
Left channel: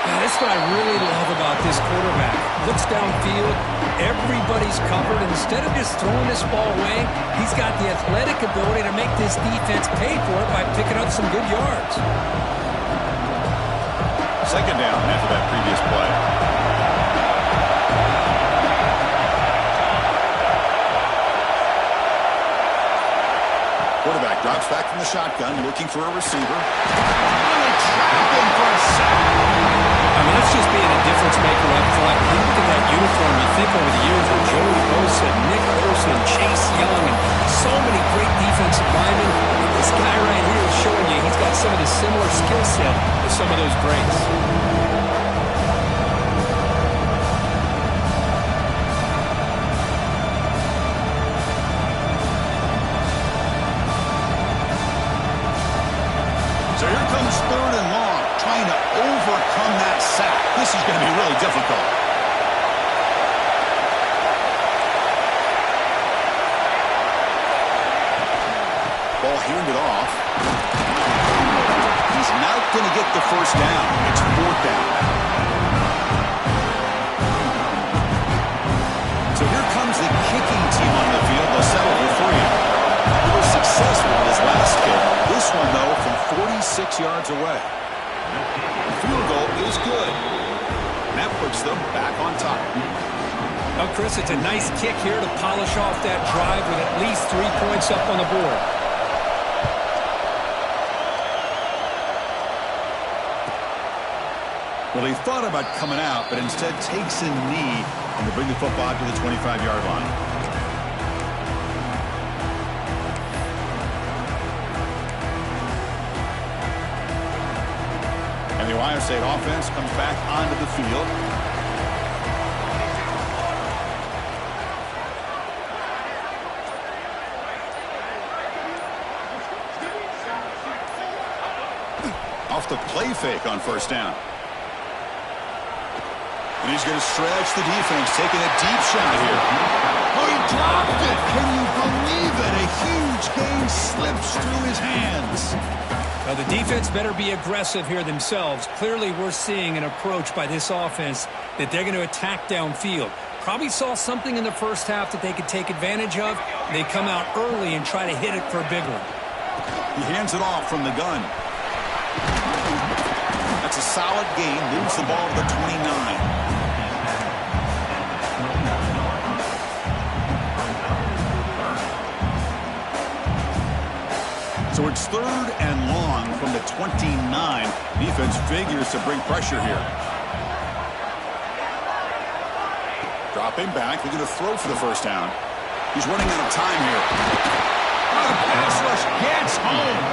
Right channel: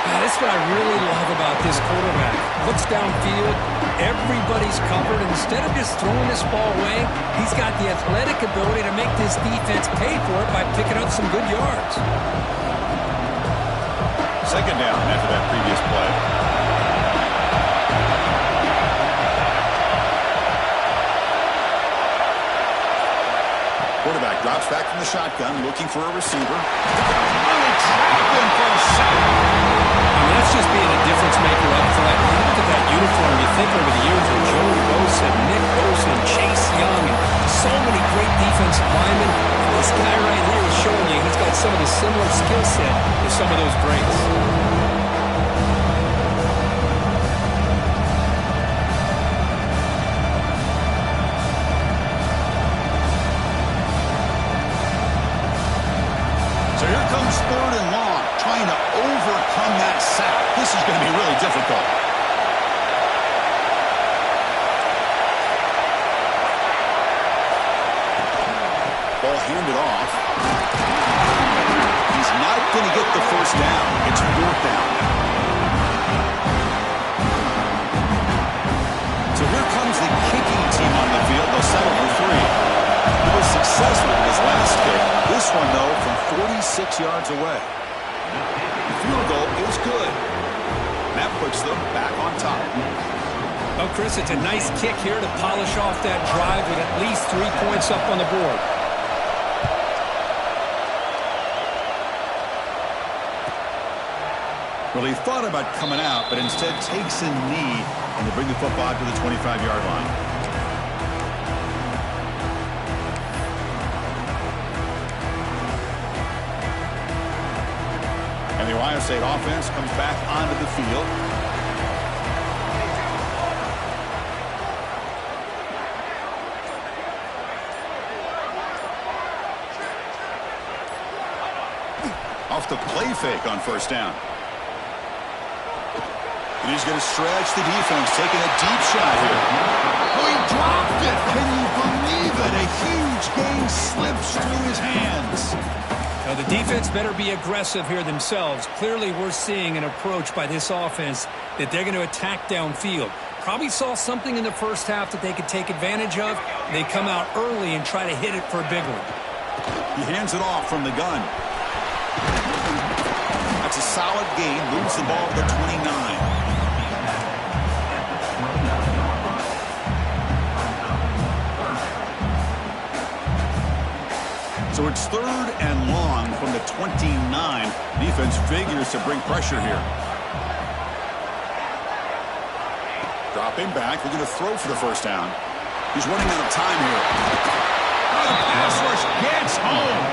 That's what I really love about this quarterback. Looks downfield, everybody's covered. Instead of just throwing this ball away, he's got the athletic ability to make this defense pay for it by picking up some good yards. Second down after that previous play. Quarterback drops back from the shotgun, looking for a receiver. Oh, they trap him for a sack. I mean, that's just being a difference maker up front. You look at that uniform, you think over the years of Joey Bosa, Nick Bosa, and Chase Young, and so many great defensive linemen. And this guy right here is showing you he's got some of the similar skill set as some of those greats. So here comes 3rd and long, trying to overcome that sack. This is going to be really difficult. Ball handed off. He's not going to get the first down. It's 4th down now. So here comes the kicking team on the field. They'll settle for 3. He was successful with his last kick. This one, though, from 46 yards away. The field goal is good. And that puts them back on top. Well, Chris, it's a nice kick here to polish off that drive with at least 3 points up on the board. Well, he thought about coming out, but instead takes a knee and to bring the football to the 25-yard line. And the Ohio State offense comes back onto the field. Off the play fake on 1st down. And he's going to stretch the defense, taking a deep shot here. Oh, he dropped it. Can you believe it? A huge gain slips through his hands. Now, the defense better be aggressive here themselves. Clearly, we're seeing an approach by this offense that they're going to attack downfield. Probably saw something in the first half that they could take advantage of. They come out early and try to hit it for a big one. He hands it off from the gun. That's a solid gain. Moves the ball to the 29. So it's 3rd and long from the 29. Defense figures to bring pressure here. Dropping back. They're going to throw for the 1st down. He's running out of time here. Oh, the pass rush gets home.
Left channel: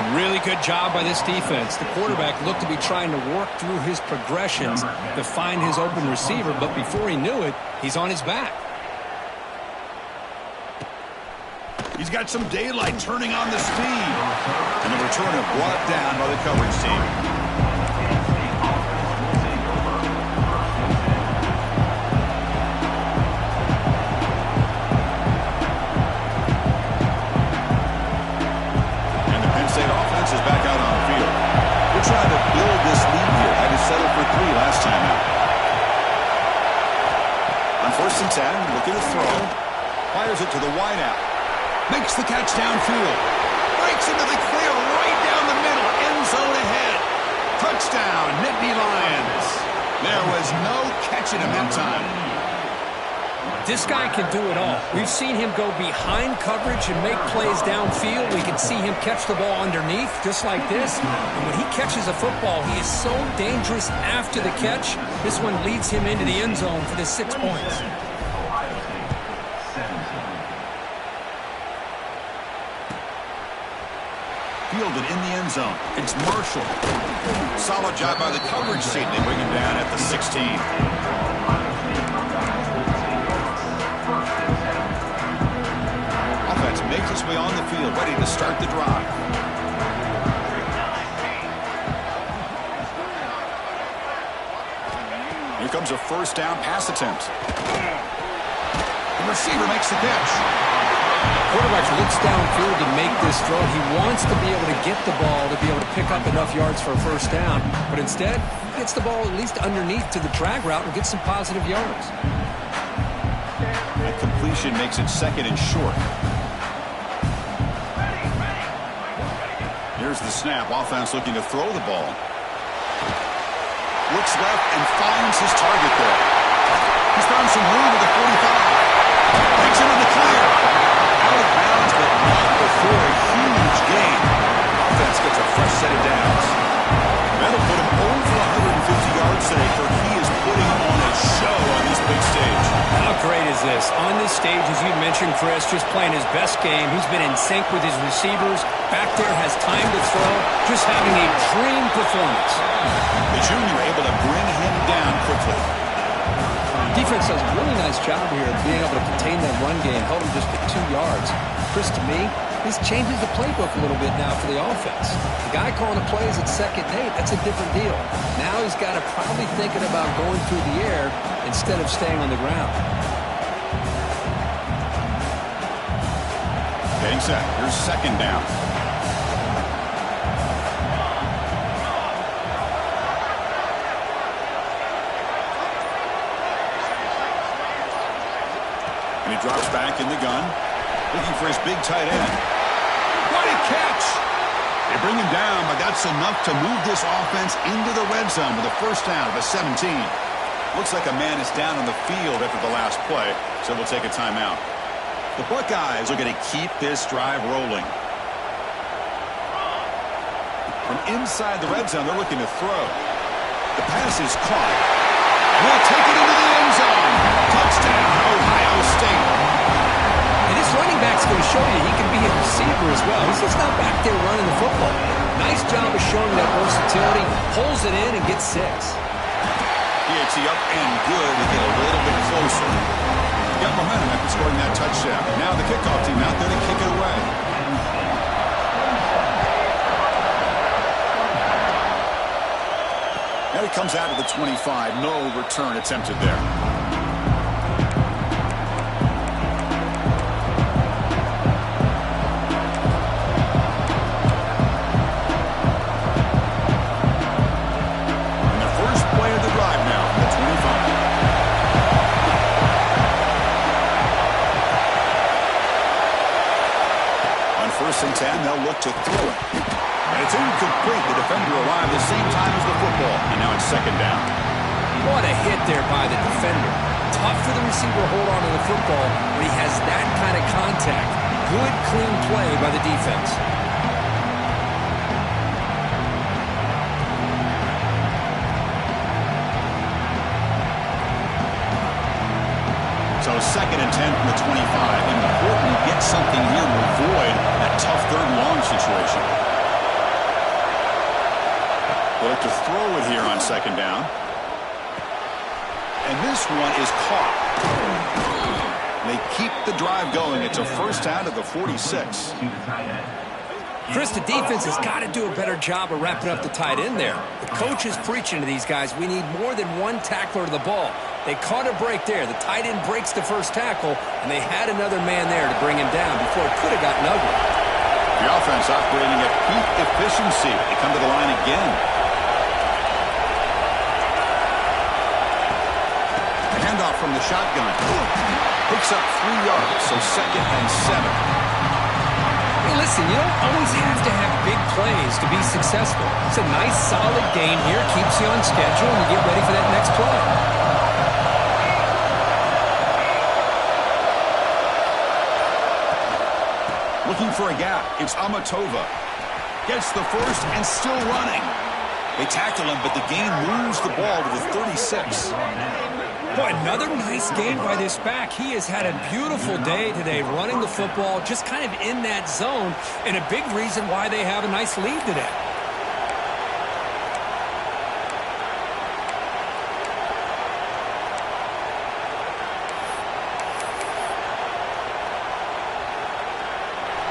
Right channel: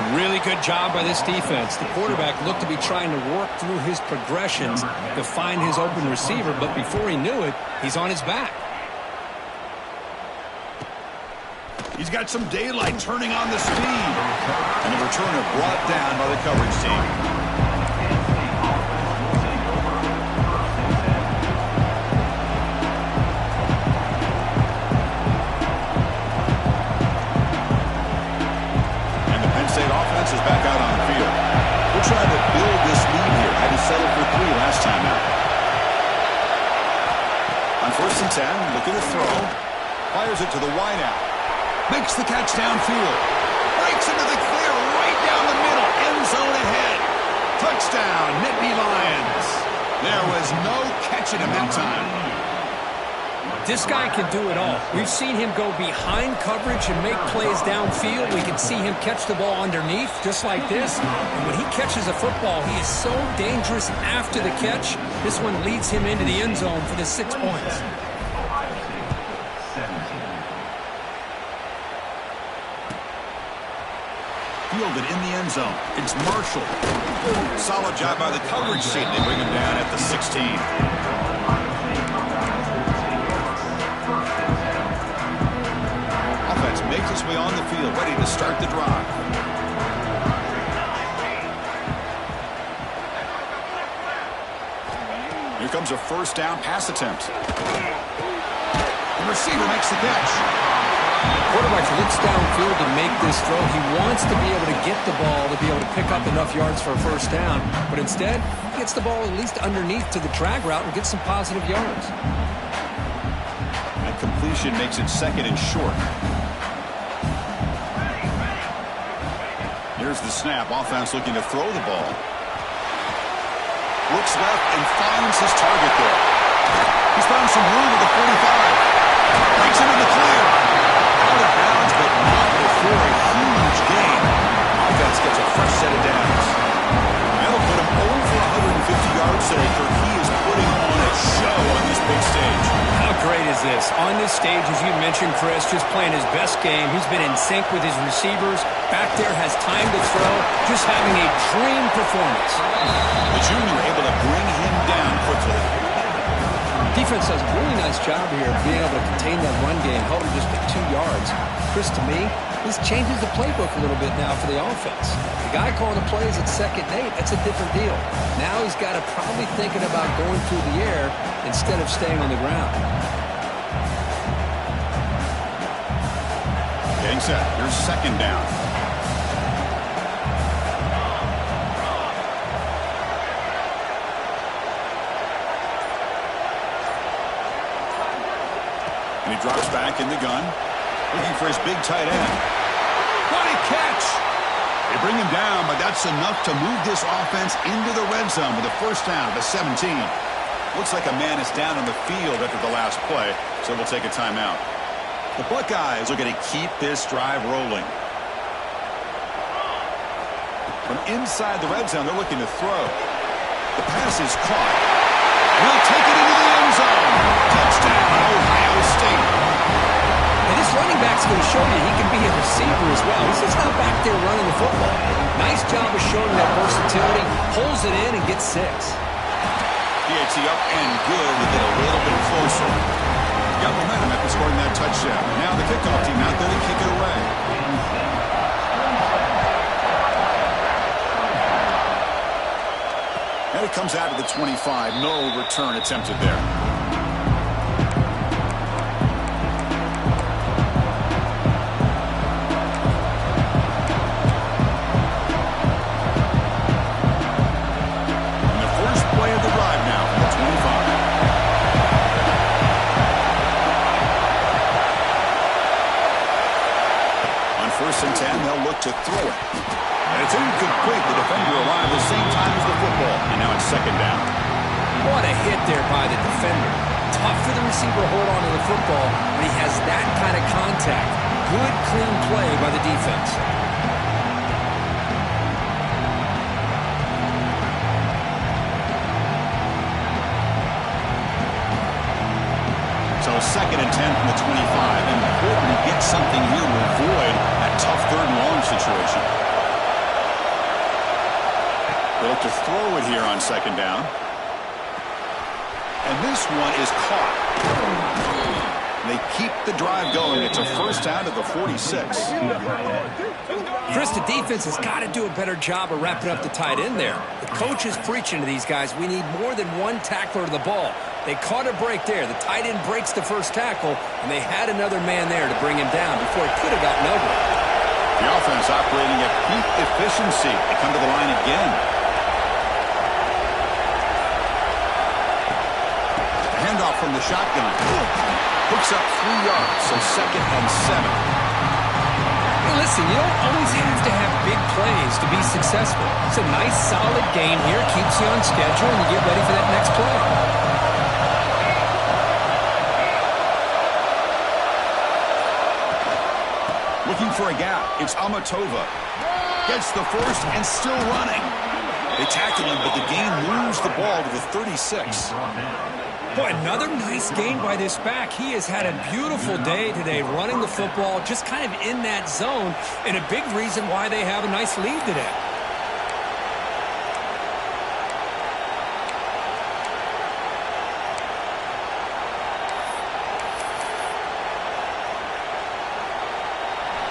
A really good job by this defense. The quarterback looked to be trying to work through his progressions to find his open receiver, but before he knew it, he's on his back. He's got some daylight turning on the speed. And the returner brought down by the coverage team. And the Penn State offense is back out on the field. We're trying to build this lead here. Had to settle for 3 last time out. On 1st and 10, looking to throw. Fires it to the wideout. Makes the catch downfield. Breaks into the clear right down the middle. End zone ahead. Touchdown, Nittany Lions. There was no catching him that time. This guy can do it all. We've seen him go behind coverage and make plays downfield. We can see him catch the ball underneath, just like this. And when he catches a football, he is so dangerous after the catch. This one leads him into the end zone for the 6 points. Fielded in the end zone. It's Marshall. Solid job by the coverage team. They bring him down at the 16. Offense makes its way on the field, ready to start the drive. Here comes a 1st down pass attempt. The receiver makes the catch. Quarterback looks downfield to make this throw. He wants to be able to get the ball to be able to pick up enough yards for a 1st down. But instead, he gets the ball at least underneath to the drag route and gets some positive yards. That completion makes it 2nd and short. Here's the snap. Offense looking to throw the ball. Looks left and finds his target there. He's found some room at the 45. Breaks into the clear. Out of bounds, but not before a huge gain. Offense gets a fresh set of downs. That'll put him over 150 yards today, Kirk. He is putting on a show on this big stage. How great is this? On this stage, as you mentioned, Chris, just playing his best game. He's been in sync with his receivers. Back there, has time to throw. Just having a dream performance. The junior able to bring him down quickly. Defense does a really nice job here of being able to contain that run game. Held him just at 2 yards. Chris, to me, this changes the playbook a little bit now for the offense. The guy calling the plays at 2nd and 8, that's a different deal. Now he's got to probably thinking about going through the air instead of staying on the ground. Getting set. Here's 2nd down. And he drops back in the gun, looking for his big tight end. What a catch! They bring him down, but that's enough to move this offense into the red zone with a 1st down at the 17. Looks like a man is down on the field after the last play, so we'll take a timeout. The Buckeyes are going to keep this drive rolling. From inside the red zone, they're looking to throw. The pass is caught, and he'll take it into the end zone. Touchdown, Ohio State. And this running back's going to show you he can be a receiver as well. He's just not back there running the football. Nice job of showing that versatility. Pulls it in and gets 6. PAT up and good to get a little bit closer. Got momentum after scoring that touchdown. Now the kickoff team out there to kick it away. And it comes out to the 25. No return attempted there. First and 10, they'll look to throw it. And it's incomplete. The defender arrived the same time as the football. And now it's 2nd down. What a hit there by the defender. Tough for the receiver to hold on to the football when he has that kind of contact. Good, clean play by the defense. So 2nd and 10 from the 25. Important to get something here to avoid that tough 3rd and long situation. They look to throw it here on 2nd down. And this one is caught. They keep the drive going. It's a 1st down to the 46. Chris, the defense has got to do a better job of wrapping up the tight end there. The coach is preaching to these guys, we need more than one tackler to the ball. They caught a break there. The tight end breaks the 1st tackle, and they had another man there to bring him down before it could have gotten ugly. The offense operating at peak efficiency. They come to the line again. The handoff from the shotgun. Picks up 3 yards, so 2nd and 7. Hey, listen, you don't always have to have big plays to be successful. It's a nice, solid gain here. Keeps you on schedule, and you get ready for that next play. Looking for a gap. It's Amatova. Gets the 1st and still running. They tackle him, but the gain moves the ball to the 36. Boy, another nice game by this back. He has had a beautiful day today running the football, just kind of in that zone, and a big reason why they have a nice lead today.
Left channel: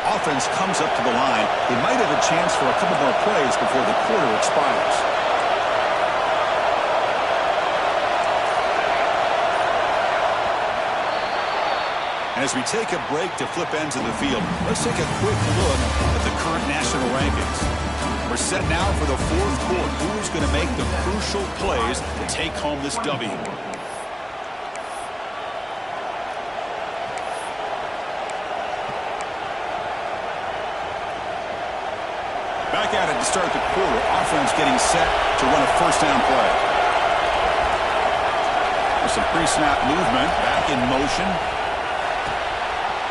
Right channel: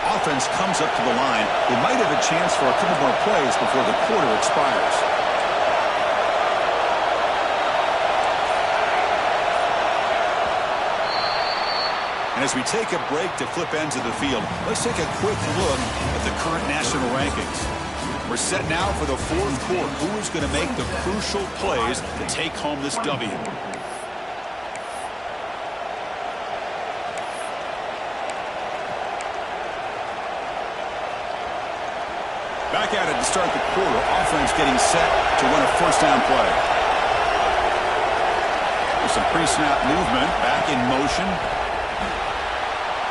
Offense comes up to the line. They might have a chance for a couple more plays before the quarter expires. And as we take a break to flip ends of the field, let's take a quick look at the current national rankings. We're set now for the 4th quarter. Who is going to make the crucial plays to take home this W? Back at it to start the quarter. Offense getting set to run a 1st down play. With some pre-snap movement, back in motion.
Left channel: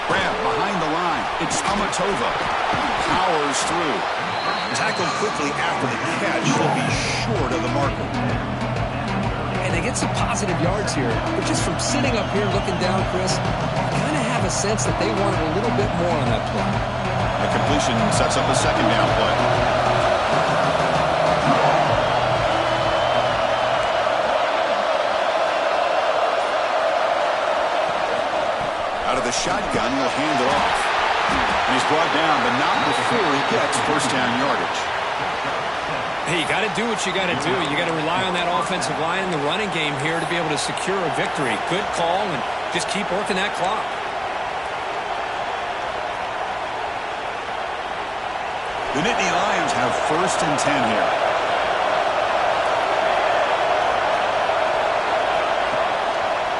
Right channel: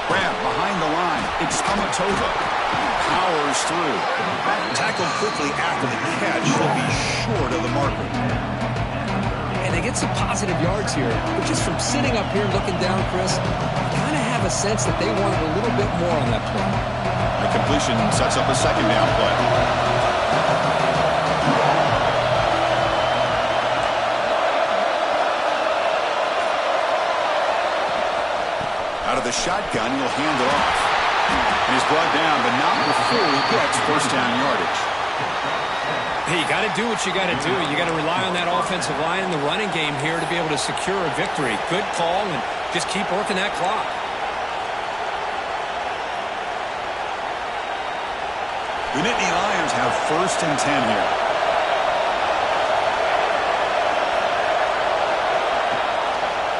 Grab behind the line. It's Amatova. Powers through. Tackled quickly after the catch. He'll be short of the marker. And they get some positive yards here. But just from sitting up here looking down, Chris, I kind of have a sense that they wanted a little bit more on that play. The completion sets up a second down play. Out of the shotgun, he'll hand it off. And he's brought down, but not before he gets first down yardage. Hey, you got to do what you got to do. You got to rely on that offensive line and the running game here to be able to secure a victory. Good call, and just keep working that clock. The Nittany Lions have first and 10 here.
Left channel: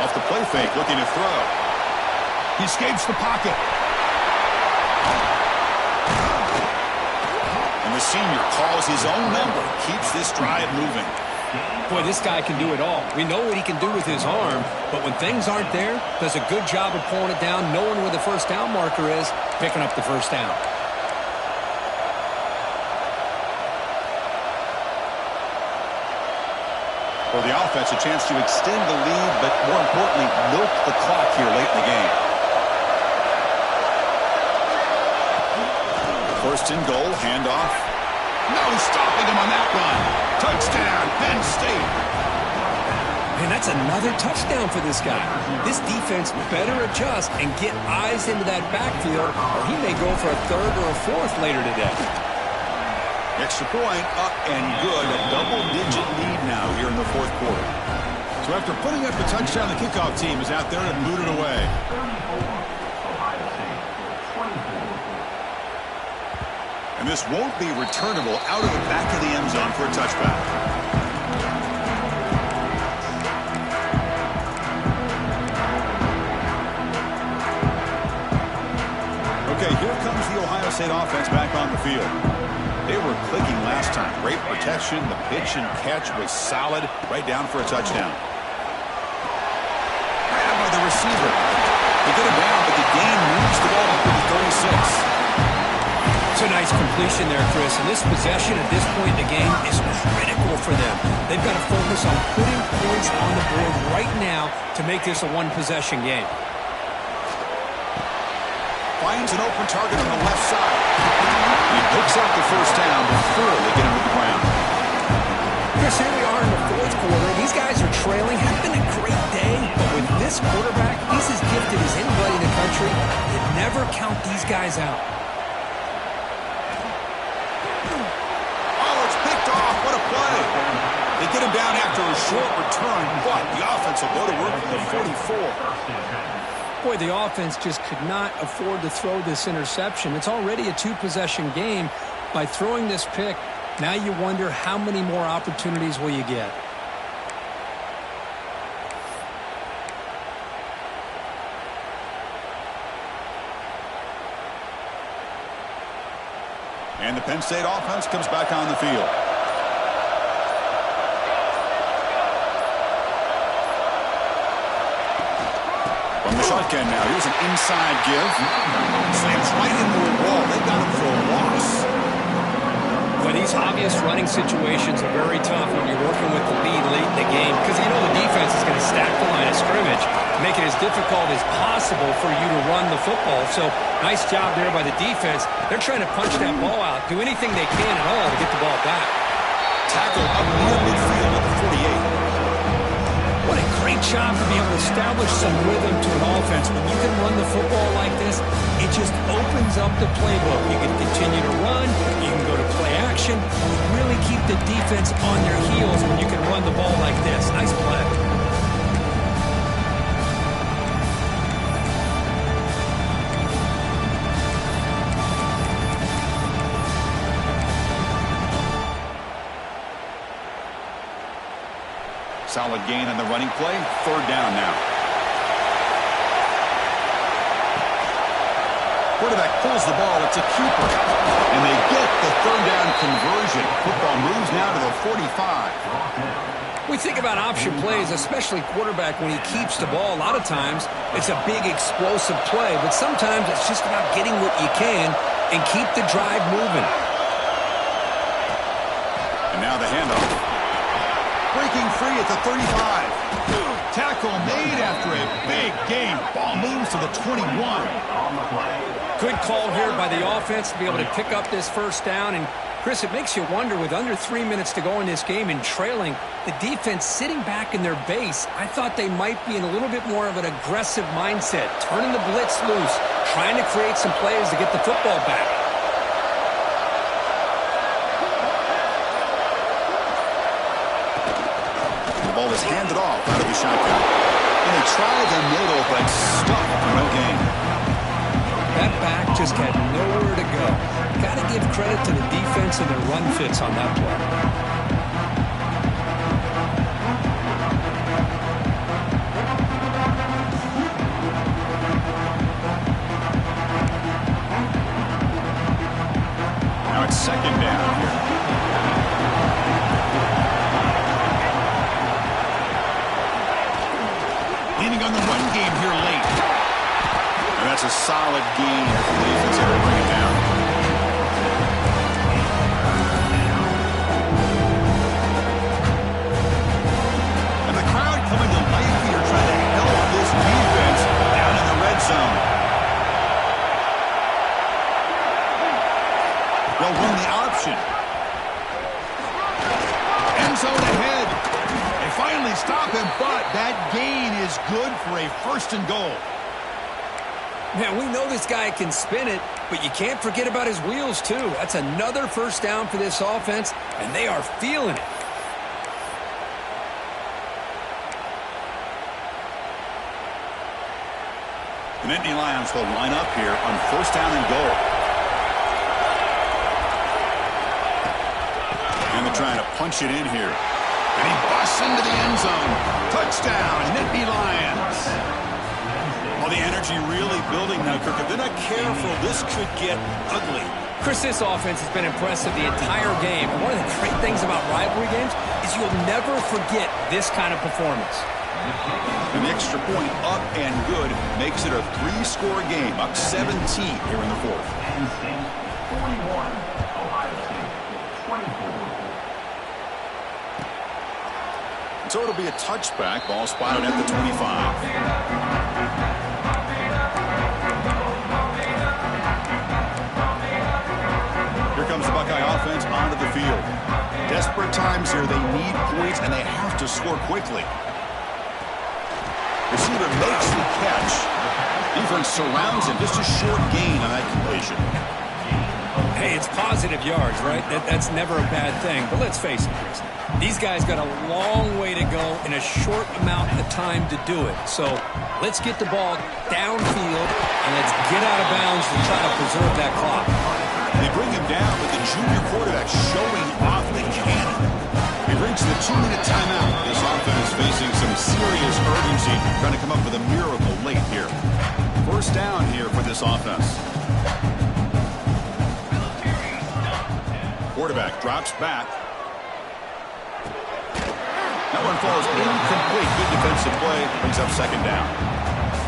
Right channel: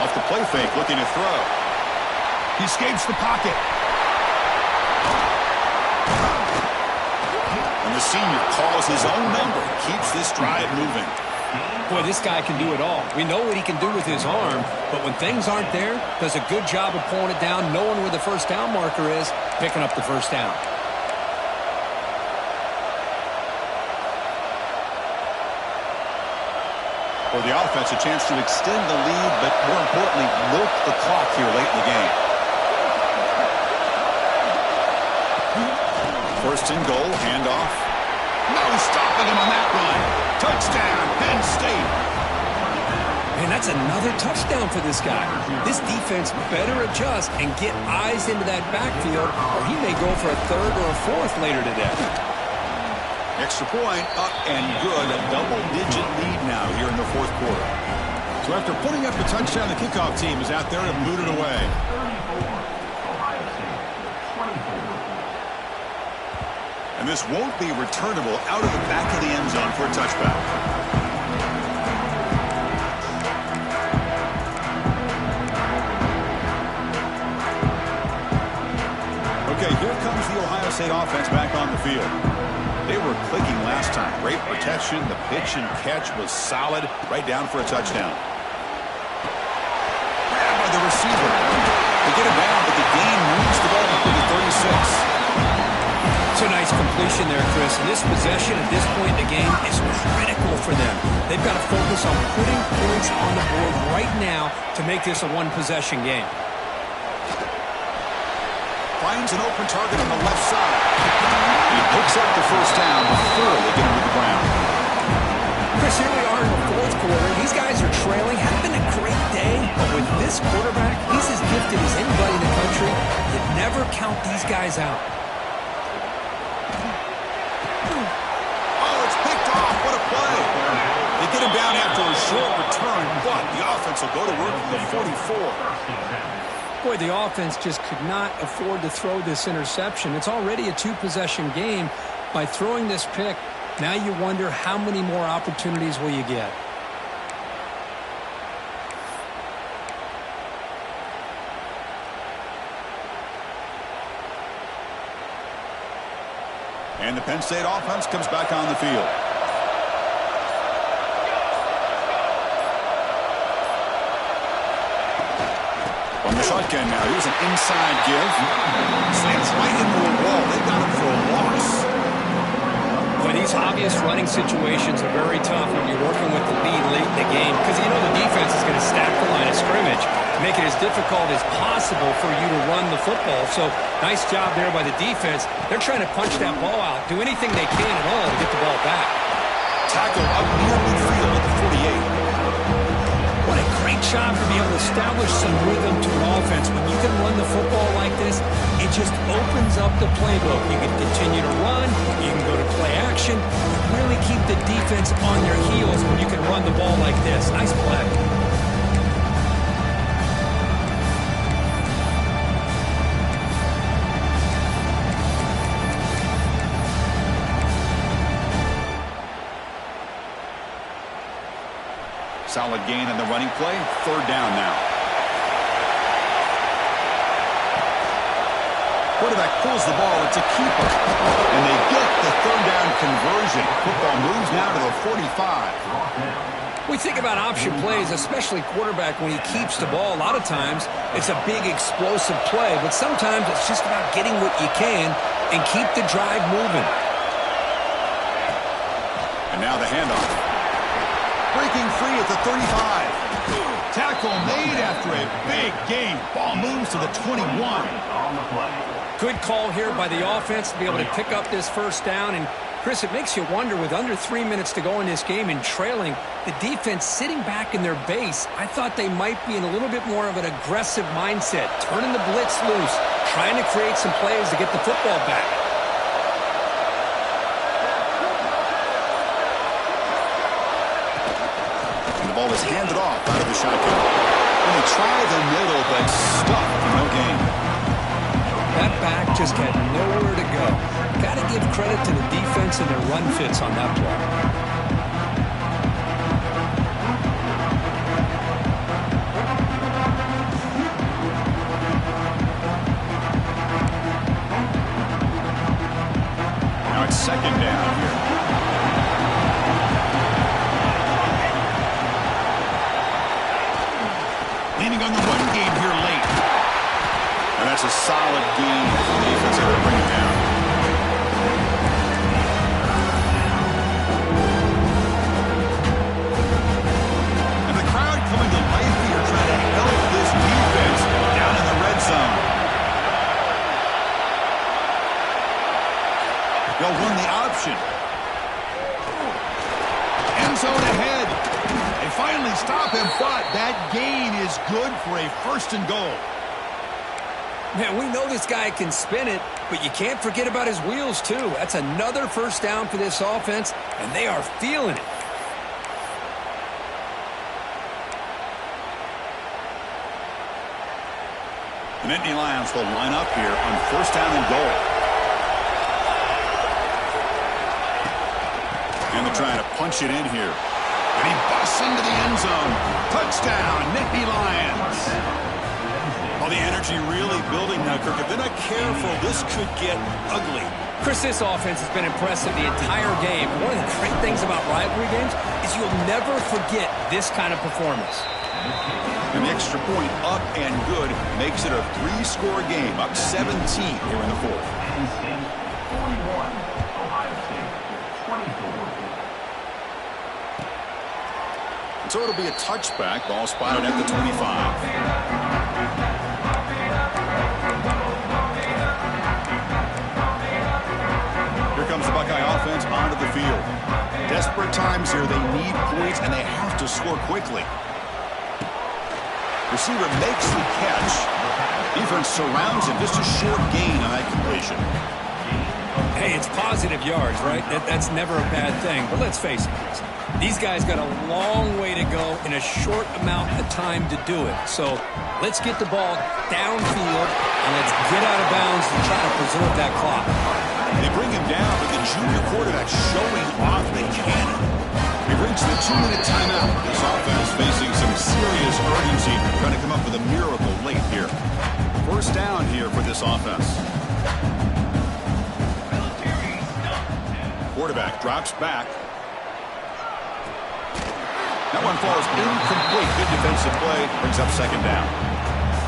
Off the play fake, looking to throw. He escapes the pocket. And the senior calls his own number. Keeps this drive moving. Boy, this guy can do it all. We know what he can do with his arm, but when things aren't there, does a good job of pulling it down, knowing where the first down marker is, picking up the first down. For the offense, a chance to extend the lead, but more importantly, milk the clock here late in the game. First and goal, handoff. No stopping him on that run. Touchdown, Penn State. Man, that's another touchdown for this guy. This defense better adjust and get eyes into that backfield, or he may go for a third or a fourth later today. Extra point, up and good. A double-digit lead now here in the fourth quarter. So after putting up the touchdown, the kickoff team is out there to boot it away. 34, Ohio State, 24. And this won't be returnable out of the back of the end zone for a touchback. Okay, here comes the Ohio State offense back on the field. They were clicking last time. Great protection. The pitch and catch was solid. Right down for a touchdown. Grabbed by the receiver. They get him down, but the gain moves the ball up to the 36. It's a nice completion there, Chris. And this possession at this point in the game is critical for them. They've got to focus on putting points on the board right now to make this a one-possession game. Finds an open target on the left side. He picks up the first down before they get him to the ground. Chris, here we are in the fourth quarter. These guys are trailing. Having a great day, but with this quarterback, he's as gifted as anybody in the country. You never count these guys out. Oh, it's picked off. What a play. They get him down after a short return, but the offense will go to work from the 44. Boy, the offense just could not afford to throw this interception. It's already a two-possession game. By throwing this pick, now you wonder how many more opportunities will you get. And the Penn State offense comes back on the field. From the shotgun now, here's an inside give. Slams right into a wall. They got him for a loss. Boy, these obvious running situations are very tough when you're working with the lead late in the game, because you know the defense is going to stack the line of scrimmage, make it as difficult as possible for you to run the football. So nice job there by the defense. They're trying to punch that ball out, do anything they can at all to get the ball back. Tackle up near midfield at the 48. What a great job to be able to establish some rhythm to an offense. When you can run the football like this, it just opens up the playbook. You can continue to run. You can go to play action. You really keep the defense on their heels when you can run the ball like this. Nice play. Solid gain on the running play. Third down now. Quarterback pulls the ball. It's a keeper. And they get the third down conversion. Football moves now to the 45. We think about option plays, especially quarterback, when he keeps the ball. A lot of times, it's a big explosive play, but sometimes it's just about getting what you can and keep the drive moving. And now the handoff. Breaking free at the 35. Tackle made after a big game. Ball moves to the 21. On the play. Good call here by the offense to be able to pick up this first down. And, Chris, it makes you wonder, with under 3 minutes to go in this game and trailing, the defense sitting back in their base, I thought they might be in a little bit more of an aggressive mindset, turning the blitz loose, trying to create some plays to get the football back. The ball is handed off out of the shotgun. And they try the middle, but stuck for no gain. That back just had nowhere to go. Got to give credit to the defense and their run fits on that play. Now it's second down here. Leaning on the run game here late. And that's a solid gain for the defense able to bring it down. And the crowd coming to life here trying to help this defense down in the red zone. They'll run the option. End zone ahead. They finally stop him, but that gain is good for a first and goal. Man, we know this guy can spin it, but you can't forget about his wheels, too. That's another first down for this offense, and they are feeling it. The Nittany Lions will line up here on first down and goal. And they're trying to punch it in here. And he busts into the end zone. Touchdown, Nittany Lions. Well, the energy really building now, Kirk. If they're not careful, this could get ugly. Chris, this offense has been impressive the entire game. And one of the great things about rivalry games is you'll never forget this kind of performance. And the extra point up and good makes it a 3-score game, up 17 here in the fourth. Penn State 41, Ohio State 24. So it'll be a touchback. Ball spotted at the 25. Here comes the Buckeye offense onto the field. Desperate times here. They need points, and they have to score quickly. Receiver makes the catch. Defense surrounds him. Just a short gain on that completion. Hey, it's positive yards, right? That's never a bad thing. But let's face it, Chris. These guys got a long way to go in a short amount of time to do it. So let's get the ball downfield, and let's get out of bounds to try to preserve that clock. They bring him down, but the junior quarterback showing off the cannon. We've reached the 2-minute timeout. This offense facing some serious urgency, trying to come up with a miracle late here. First down here for this offense. Quarterback drops back. That one falls incomplete. Good defensive play. Brings up second down.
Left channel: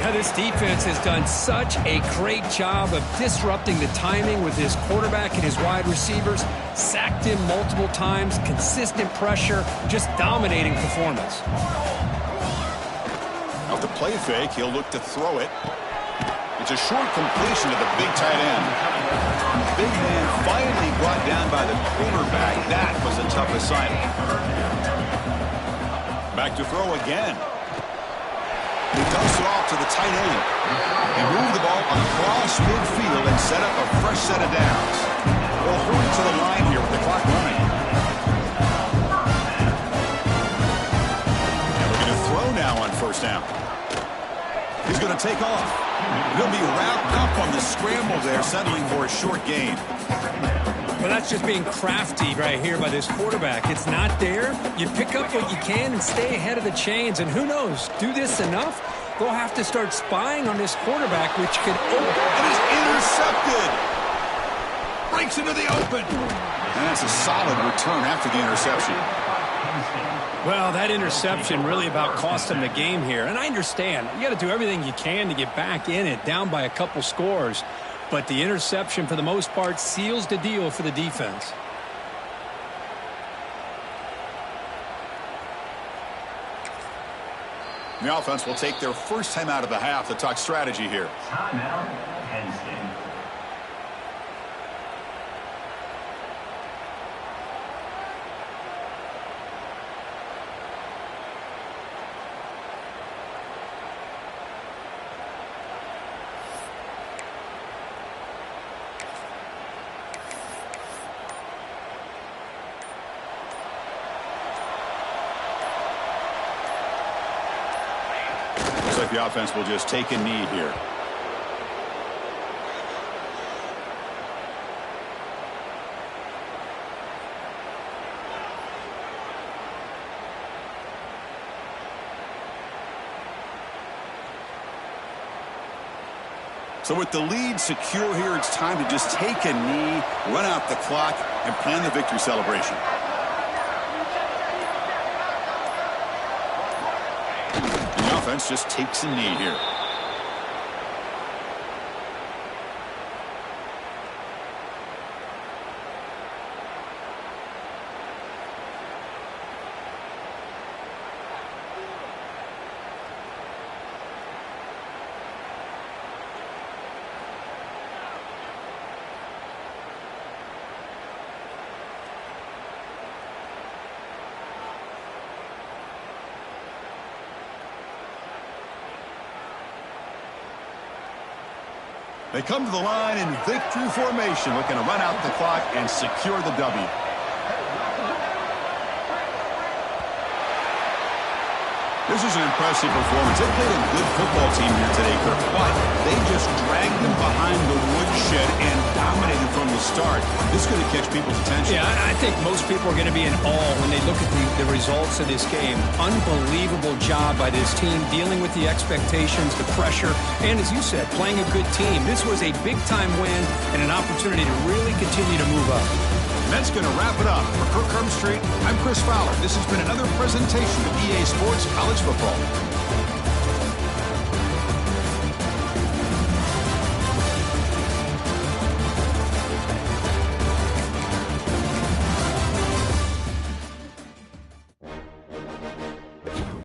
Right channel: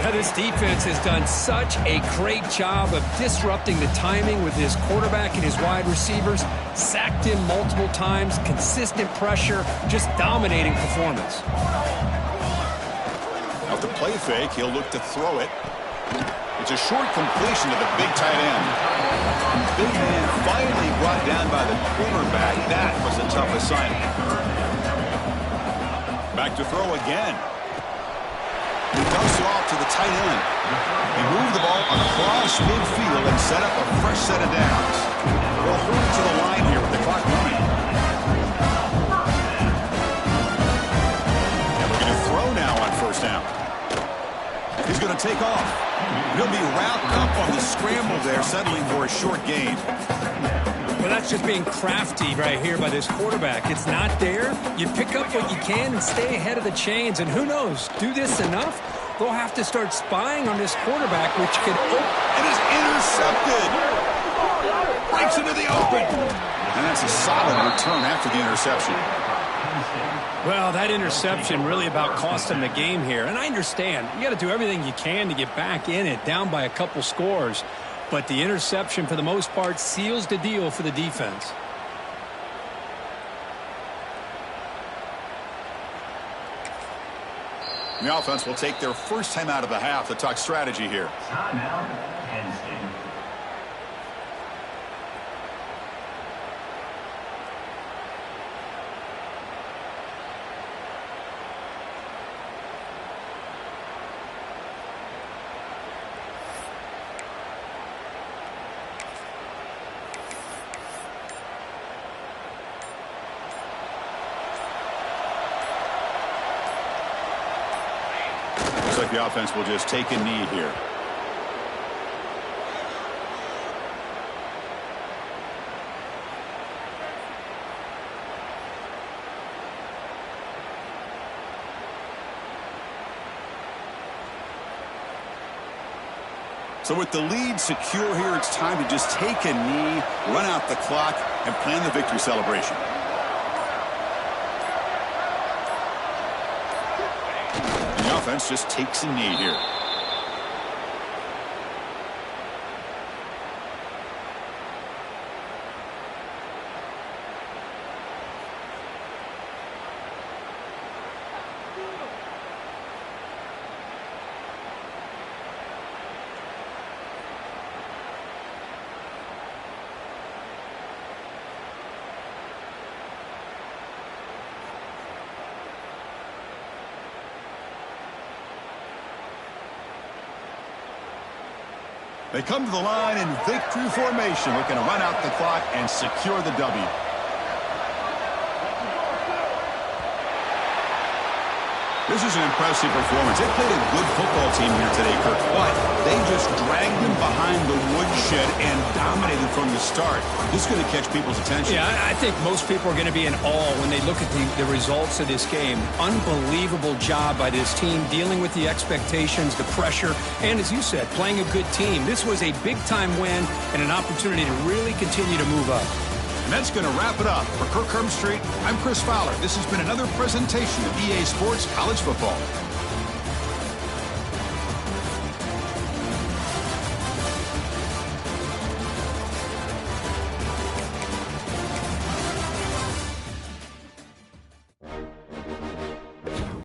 Yeah, this defense has done such a great job of disrupting the timing with his quarterback and his wide receivers. Sacked him multiple times. Consistent pressure. Just dominating performance. Off the play fake, he'll look to throw it. It's a short completion to the big tight end. Big man finally brought down by the quarterback. That was a tough assignment. Back to throw again. He dumps it off to the tight end. He moved the ball across midfield and set up a fresh set of downs. They'll hurry to the line here with the clock running. And looking to throw now on first down. He's going to take off. He'll be wrapped up on the scramble there, settling for a short gain. Well, that's just being crafty right here by this quarterback. It's not there. You pick up what you can and stay ahead of the chains. And who knows, do this enough, they'll have to start spying on this quarterback, which could open. And is intercepted. Breaks into the open. And that's a solid return after the interception. Penn State. Well, that interception really about cost them the game here. And I understand. You got to do everything you can to get back in it, down by a couple scores. But the interception, for the most part, seals the deal for the defense. The offense will take their first time out of the half to talk strategy here. Timeout, Penn State. Looks like the offense will just take a knee here. So with the lead secure here, it's time to just take a knee, run out the clock, and plan the victory celebration. The offense just takes a knee here. They come to the line in victory formation, looking to run out the clock and secure the W. This is an impressive performance. They played a good football team here today, Kirk, but they just dragged them behind the woodshed and dominated from the start. This is going to catch people's attention. Yeah, I think most people are going to be in awe when they look at the results of this game. Unbelievable job by this team dealing with the expectations, the pressure, and as you said, playing a good team. This was a big-time win and an opportunity to really continue to move up. And that's going to wrap it up. For Kirk Herbstreit, I'm Chris Fowler. This has been another presentation of EA Sports College Football.